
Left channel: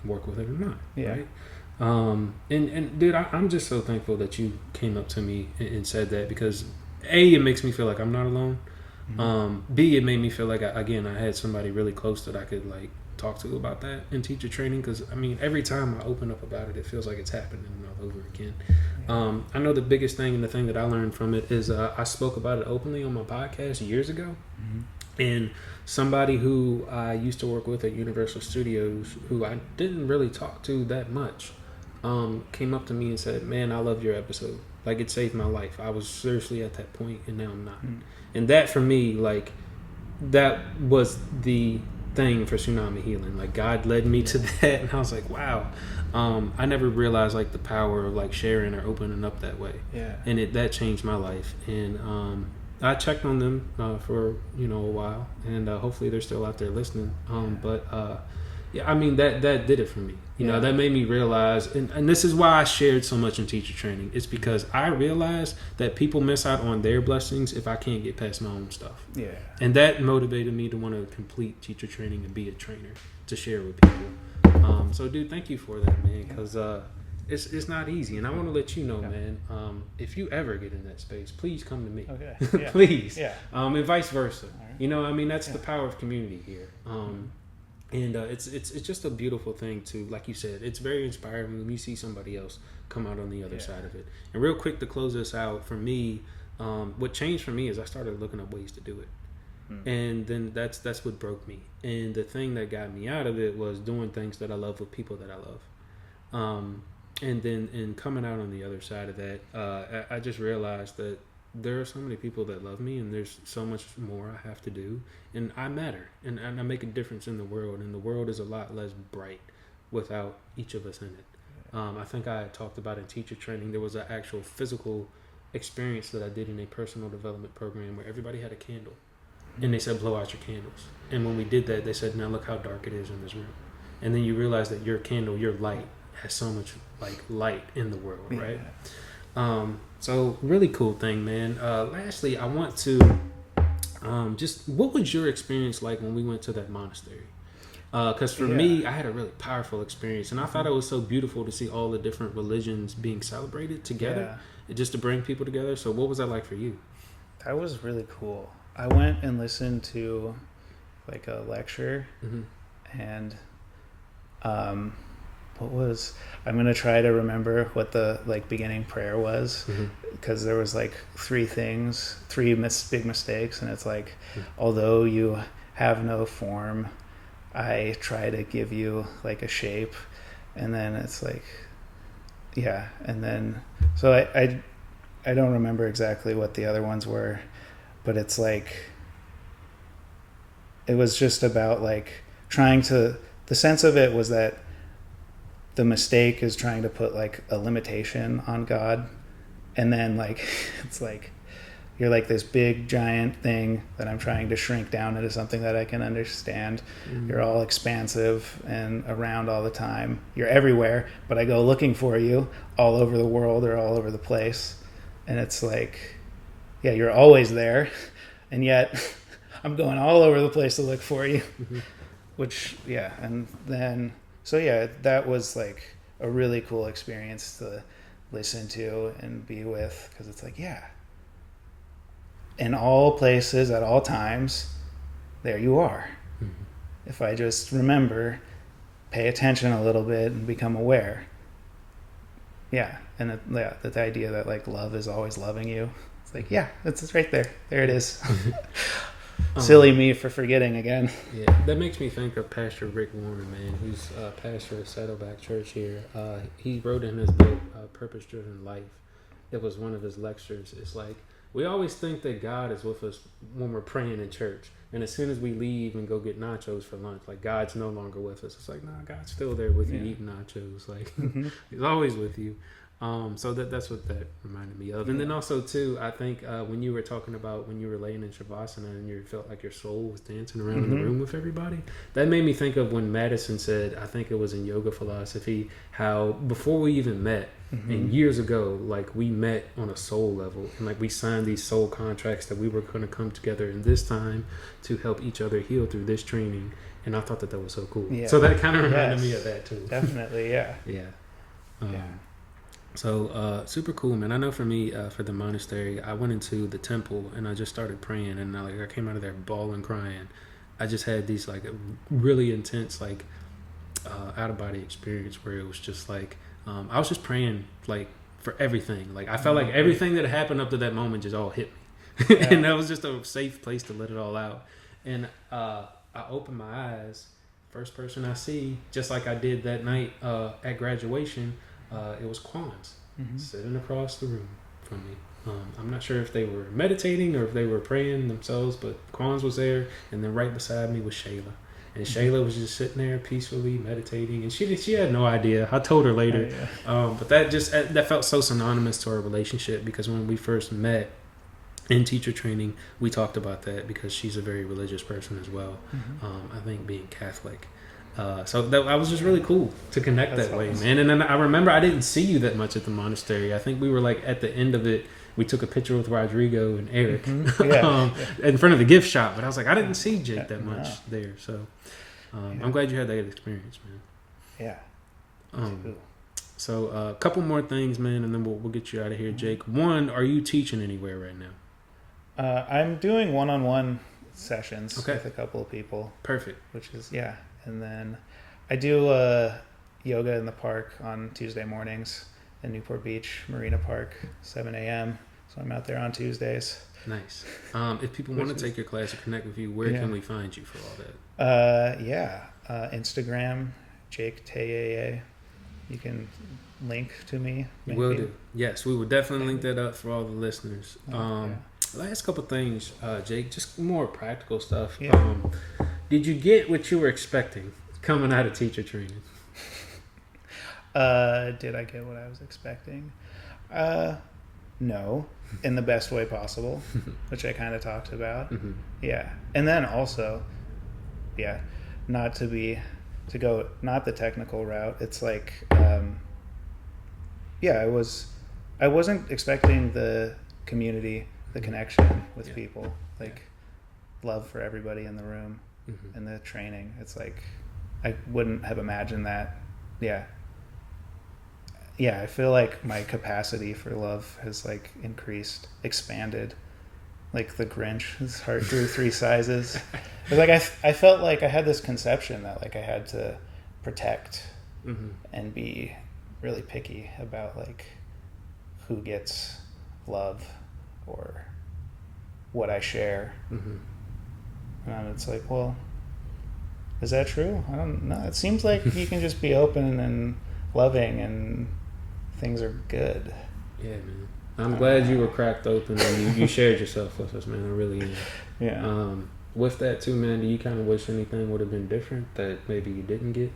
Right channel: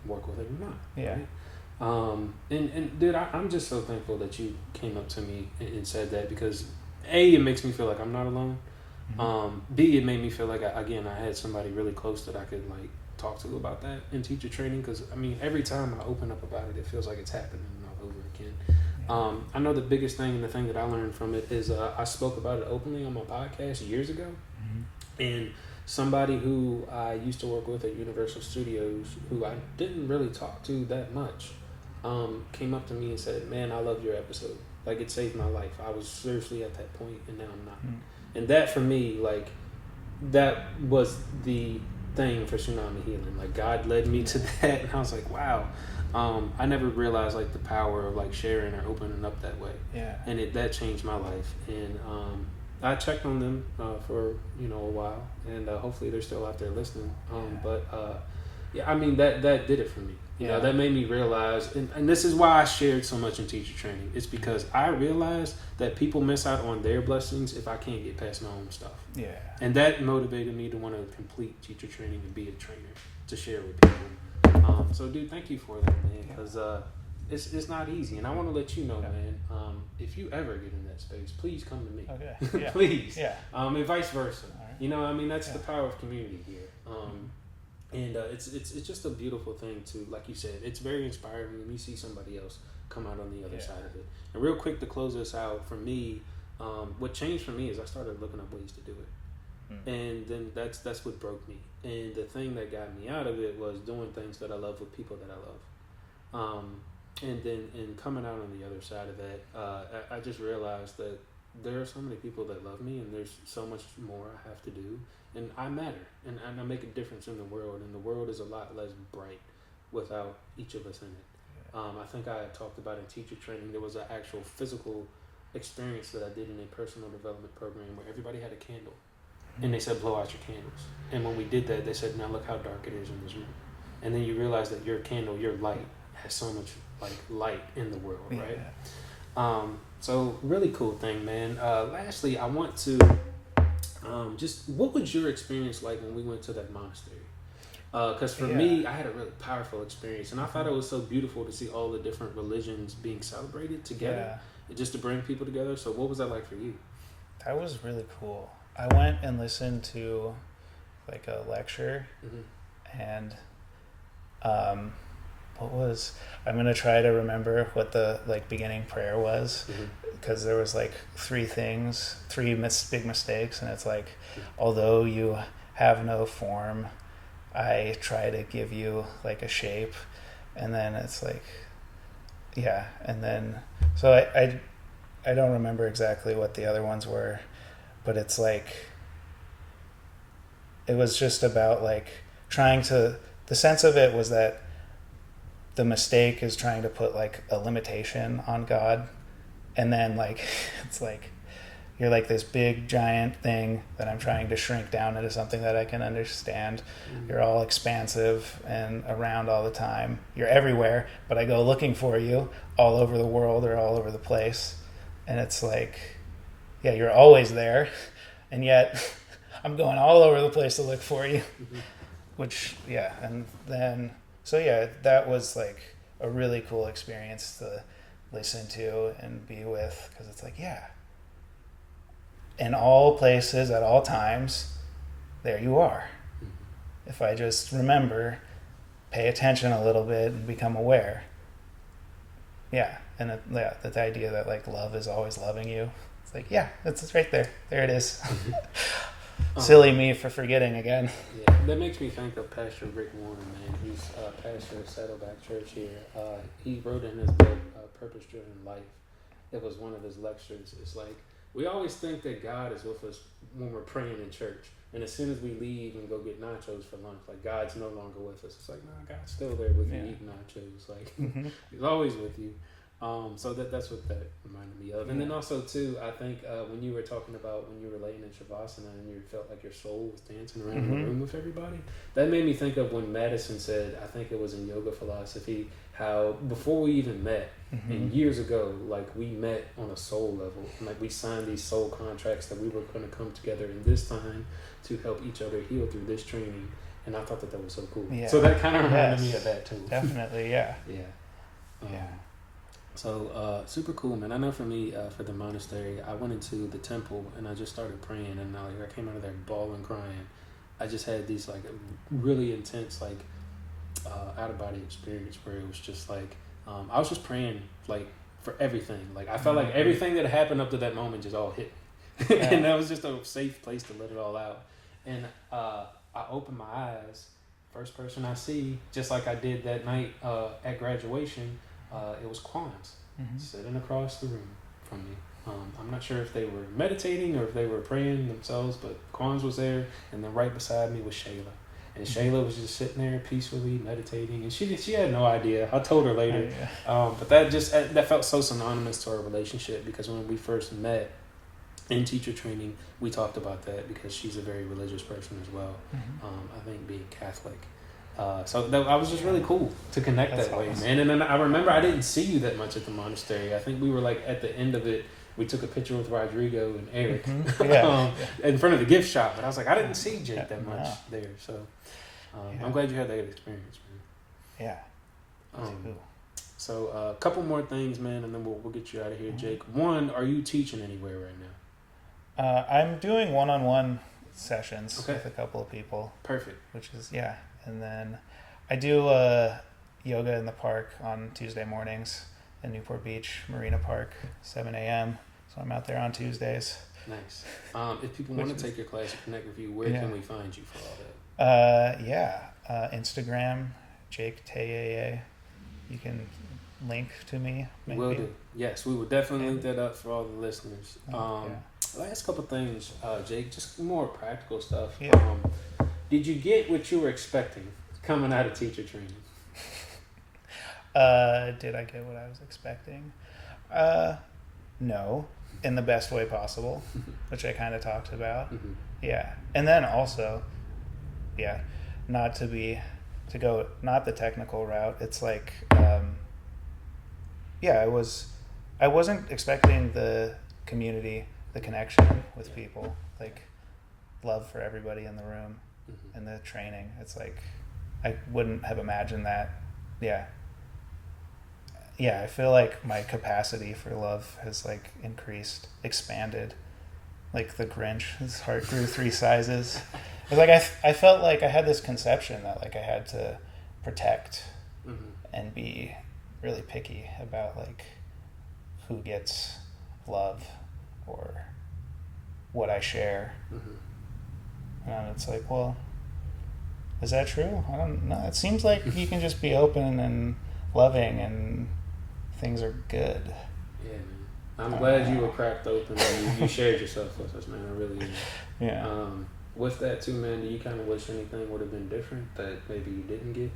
work with it or not. Yeah. Right? And dude, I'm just so thankful that you came up to me and said that, because A, it makes me feel like I'm not alone. B, it made me feel like I had somebody really close that I could like talk to about that in teacher training, because I mean every time I open up about it, it feels like it's happening all over again. I know the biggest thing and the thing that I learned from it is I spoke about it openly on my podcast years ago, and somebody who I used to work with at Universal Studios, who I didn't really talk to that much, came up to me and said, man, I love your episode. Like, it saved my life. I was seriously at that point, and now I'm not. And that, for me, like, that was the thing for Tsunami Healing. Like, God led me to that, and I was like, wow. I never realized, like, the power of, like, sharing or opening up that way. Yeah. And that changed my life. And I checked on them for, a while, and hopefully they're still out there listening. But, yeah, I mean, that did it for me. You know, that made me realize, and this is why I shared so much in teacher training. It's because I realized that people miss out on their blessings if I can't get past my own stuff. Yeah. And that motivated me to want to complete teacher training and be a trainer, to share with people. So, dude, thank you for that, man, because it's not easy. And I want to let you know, man, if you ever get in that space, please come to me. Okay. Yeah. Please. Yeah. And vice versa. Right. That's the power of community here. And it's just a beautiful thing to, like you said, it's very inspiring when you see somebody else come out on the other side of it. And real quick to close this out, for me, what changed for me is I started looking up ways to do it. And then that's what broke me. And the thing that got me out of it was doing things that I love with people that I love. And then in coming out on the other side of that, I just realized that there are so many people that love me, and there's so much more I have to do, and I matter, and I make a difference in the world, and the world is a lot less bright without each of us in it. I think I talked about in teacher training, there was an actual physical experience that I did in a personal development program where everybody had a candle, and they said, blow out your candles. And when we did that, they said, now look how dark it is in this room. And then you realize that your candle, your light, has so much like light in the world, right? So really cool thing, man. Lastly, I want to just, what was your experience like when we went to that monastery? Because for me, I had a really powerful experience, and I thought it was so beautiful to see all the different religions being celebrated together, just to bring people together. So what was that like for you? That was really cool. I went and listened to like a lecture, and I'm going to try to remember what the like beginning prayer was, because there was like three big mistakes, and it's like, although you have no form, I try to give you like a shape. And then it's like, and then so I don't remember exactly what the other ones were, but it's like, it was just about like the sense of it was that the mistake is trying to put like a limitation on God, and then like it's like you're like this big giant thing that I'm trying to shrink down into something that I can understand. You're all expansive and around all the time. You're everywhere, but I go looking for you all over the world or all over the place. And it's like, you're always there, and yet I'm going all over the place to look for you. Which, and then so that was like a really cool experience to listen to and be with, because it's like, in all places at all times, there you are. If I just remember, pay attention a little bit and become aware. And the idea that like love is always loving you. It's like, it's right there. There it is. Silly me for forgetting again. Yeah, that makes me think of Pastor Rick Warren, man, who's pastor of Saddleback Church here. He wrote in his book, Purpose Driven Life. It was one of his lectures. It's like, we always think that God is with us when we're praying in church. And as soon as we leave and go get nachos for lunch, like, God's no longer with us. It's like, nah, God's still there with you eating nachos. Like, he's always with you. So that's what that reminded me of. And then also, too, I think when you were talking about when you were laying in Shavasana and you felt like your soul was dancing around in the room with everybody, that made me think of when Madison said, I think it was in Yoga Philosophy, how before we even met, and years ago, like, we met on a soul level, and like we signed these soul contracts that we were going to come together in this time to help each other heal through this training. And I thought that was so cool. Yeah. So that kind of reminded me of that too. Definitely, yeah. Yeah. So super cool, man. I know for me, for the monastery, I went into the temple and I just started praying, and I came out of there bawling, crying. I just had these like really intense like out of body experience where it was just like I was just praying like for everything. Like I felt like everything that happened up to that moment just all hit me, and that was just a safe place to let it all out. And I opened my eyes. First person I see, just like I did that night at graduation. It was Quans sitting across the room from me. I'm not sure if they were meditating or if they were praying themselves, but Quans was there, and then right beside me was Shayla. And Shayla was just sitting there peacefully meditating, and she had no idea. I told her later, but that felt so synonymous to our relationship, because when we first met in teacher training, we talked about that, because she's a very religious person as well. I think being Catholic. So that was just really cool to connect that way, man. And then I remember I didn't see you that much at the monastery. I think we were like at the end of it, we took a picture with Rodrigo and Eric in front of the gift shop. But I was like, I didn't see Jake that much there. So I'm glad you had that experience, man. Yeah. Cool. So a couple more things, man, and then we'll get you out of here, Jake. One, are you teaching anywhere right now? I'm doing one-on-one sessions with a couple of people. Perfect. Which is, and then I do yoga in the park on Tuesday mornings in Newport Beach, Marina Park, 7 a.m. So I'm out there on Tuesdays. Nice. If people want to take your class or connect with you, where can we find you for all that? Instagram, Jake Tayeye. You can link to me. Maybe. Will do. Yes, we will definitely link that up for all the listeners. Last couple things, Jake, just more practical stuff. Did you get what you were expecting coming out of teacher training? Did I get what I was expecting? No, in the best way possible, which I kind of talked about. Yeah. And then also, not to go, not the technical route. It's like, I wasn't expecting the community, the connection with people, like love for everybody in the room and the training. It's like, I wouldn't have imagined that. I feel like my capacity for love has like expanded, like the Grinch. His heart grew 3 sizes. It's like I felt like I had this conception that like I had to protect and be really picky about like who gets love or what I share. And it's like, well, is that true? I don't know. It seems like you can just be open and loving and things are good. Yeah, man. I'm glad you were cracked open and you shared yourself with us, man. I really am. Yeah. With that too, man, do you kind of wish anything would have been different that maybe you didn't get?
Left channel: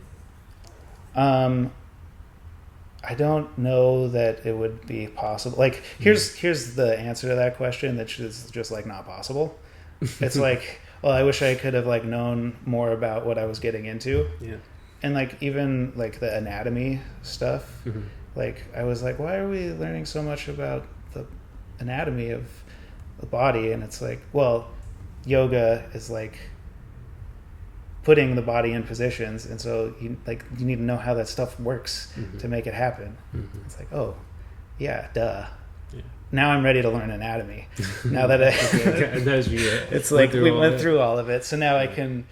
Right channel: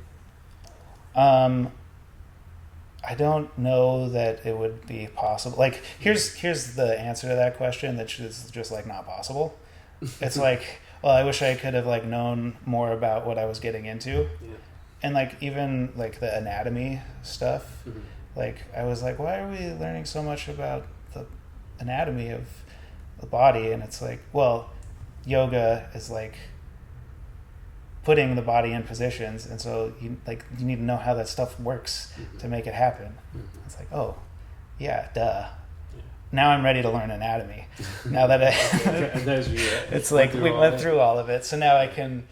I don't know that it would be possible. Like, here's the answer to that question that is just like not possible. It's like, well, I wish I could have like known more about what I was getting into. Yeah. And like even like the anatomy stuff, like I was like, why are we learning so much about the anatomy of the body? And it's like, well, yoga is like putting the body in positions, and so you need to know how that stuff works to make it happen. It's like, oh yeah, duh. Now I'm ready to learn anatomy. Now that it's like we went through all of it, so now I can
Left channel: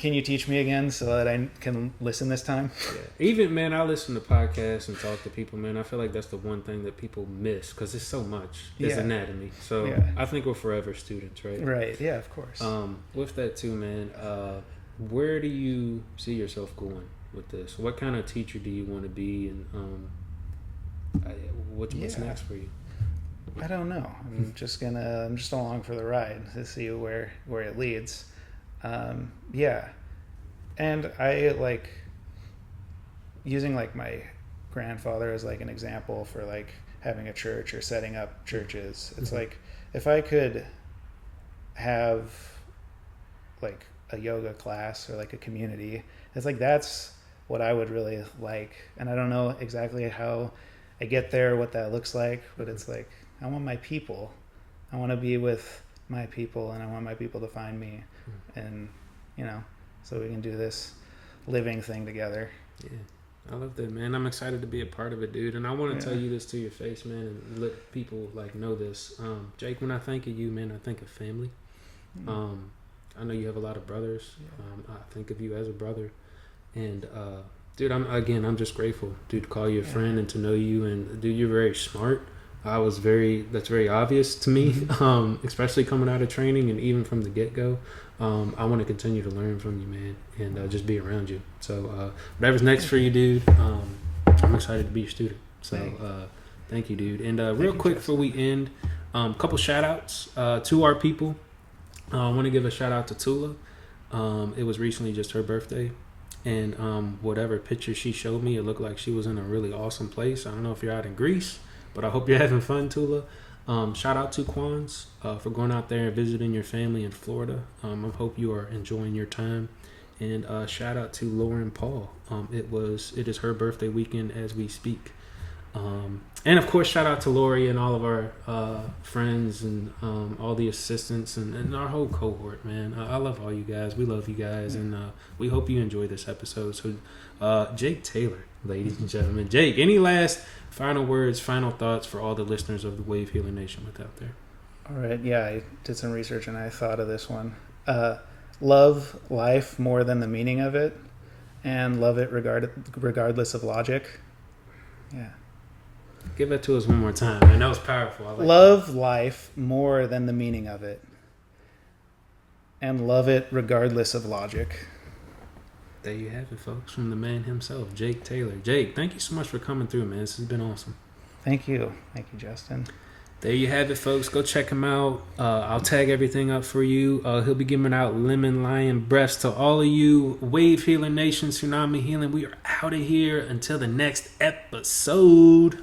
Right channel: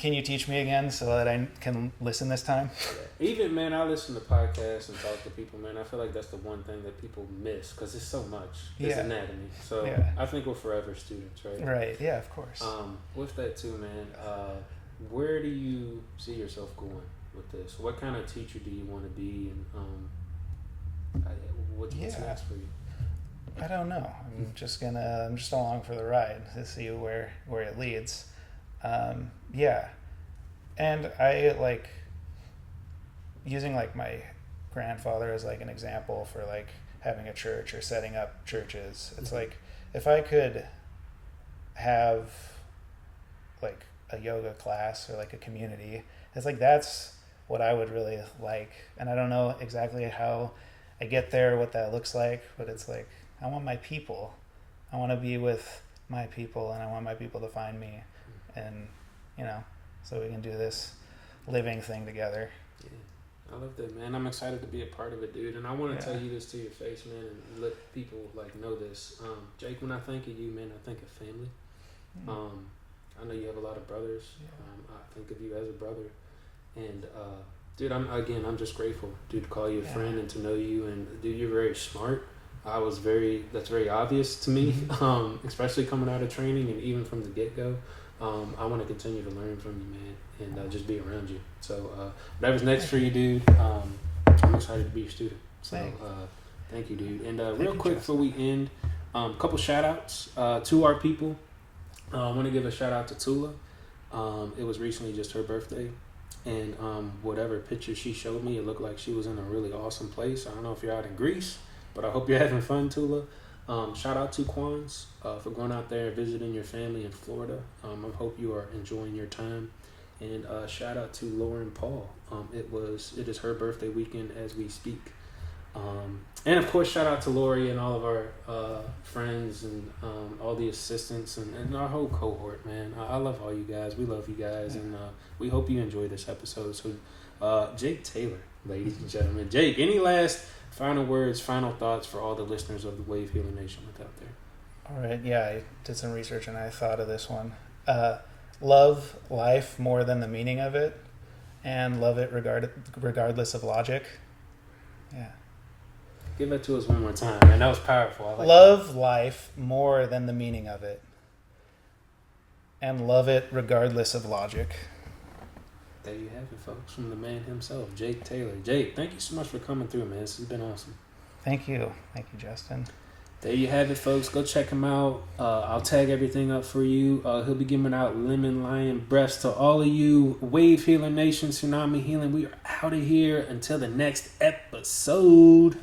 can you teach me again so that I can listen this time? Even, man, I listen to podcasts and talk to people, man. I feel like that's the one thing that people miss because it's so much. It's anatomy. So I think we're forever students, right? Right. Yeah, of course. With that too, man, where do you see yourself going with this? What kind of teacher do you want to be, and what's next for you? I don't know. I'm just along for the ride to see where it leads. And I like using like my grandfather as like an example for like having a church or setting up churches. It's like if I could have like a yoga class or like a community, it's like that's what I would really like. And I don't know exactly how I get there, what that looks like, but it's like I want my people. I want to be with my people, and I want my people to find me, and so we can do this living thing together. Yeah, I love that, man. I'm excited to be a part of it, dude. And I want to tell you this to your face, man, and let people like know this. Jake, when I think of you, man, I think of family. I know you have a lot of brothers. I think of you as a brother, and dude, I'm just grateful, dude, to call you a friend and to know you. And dude, you're very smart. That's very obvious to me, especially coming out of training and even from the get-go. I want to continue to learn from you, man, and just be around you. So whatever's next for you, dude, I'm excited to be your student. So thank you, dude. And real quick before we end, a couple shout-outs to our people. I want to give a shout-out to Tula. It was recently just her birthday. And whatever picture she showed me, it looked like she was in a really awesome place. I don't know if you're out in Greece, but I hope you're having fun, Tula. Shout out to Quans for going out there and visiting your family in Florida. I hope you are enjoying your time. And shout out to Lauren Paul. It is her birthday weekend as we speak. And of course, shout out to Lori and all of our friends and all the assistants and our whole cohort, man. I love all you guys. We love you guys, and we hope you enjoy this episode. So, Jake Taylor, ladies and gentlemen. Jake, any last final words, final thoughts for all the listeners of the Wavehealernation out there? All right. Yeah, I did some research and I thought of this one. Love life more than the meaning of it, and love it regardless of logic. Yeah. Give that to us one more time, man. That was powerful. Love life more than the meaning of it, and love it regardless of logic. There you have it, folks, from the man himself, Jake Taylor. Jake, thank you so much for coming through, man. This has been awesome. Thank you, Justin. There you have it, folks. Go check him out. I'll tag everything up for you. He'll be giving out lemon lion breaths to all of you. Wavehealernation, Tsunami Healing. We are out of here until the next episode.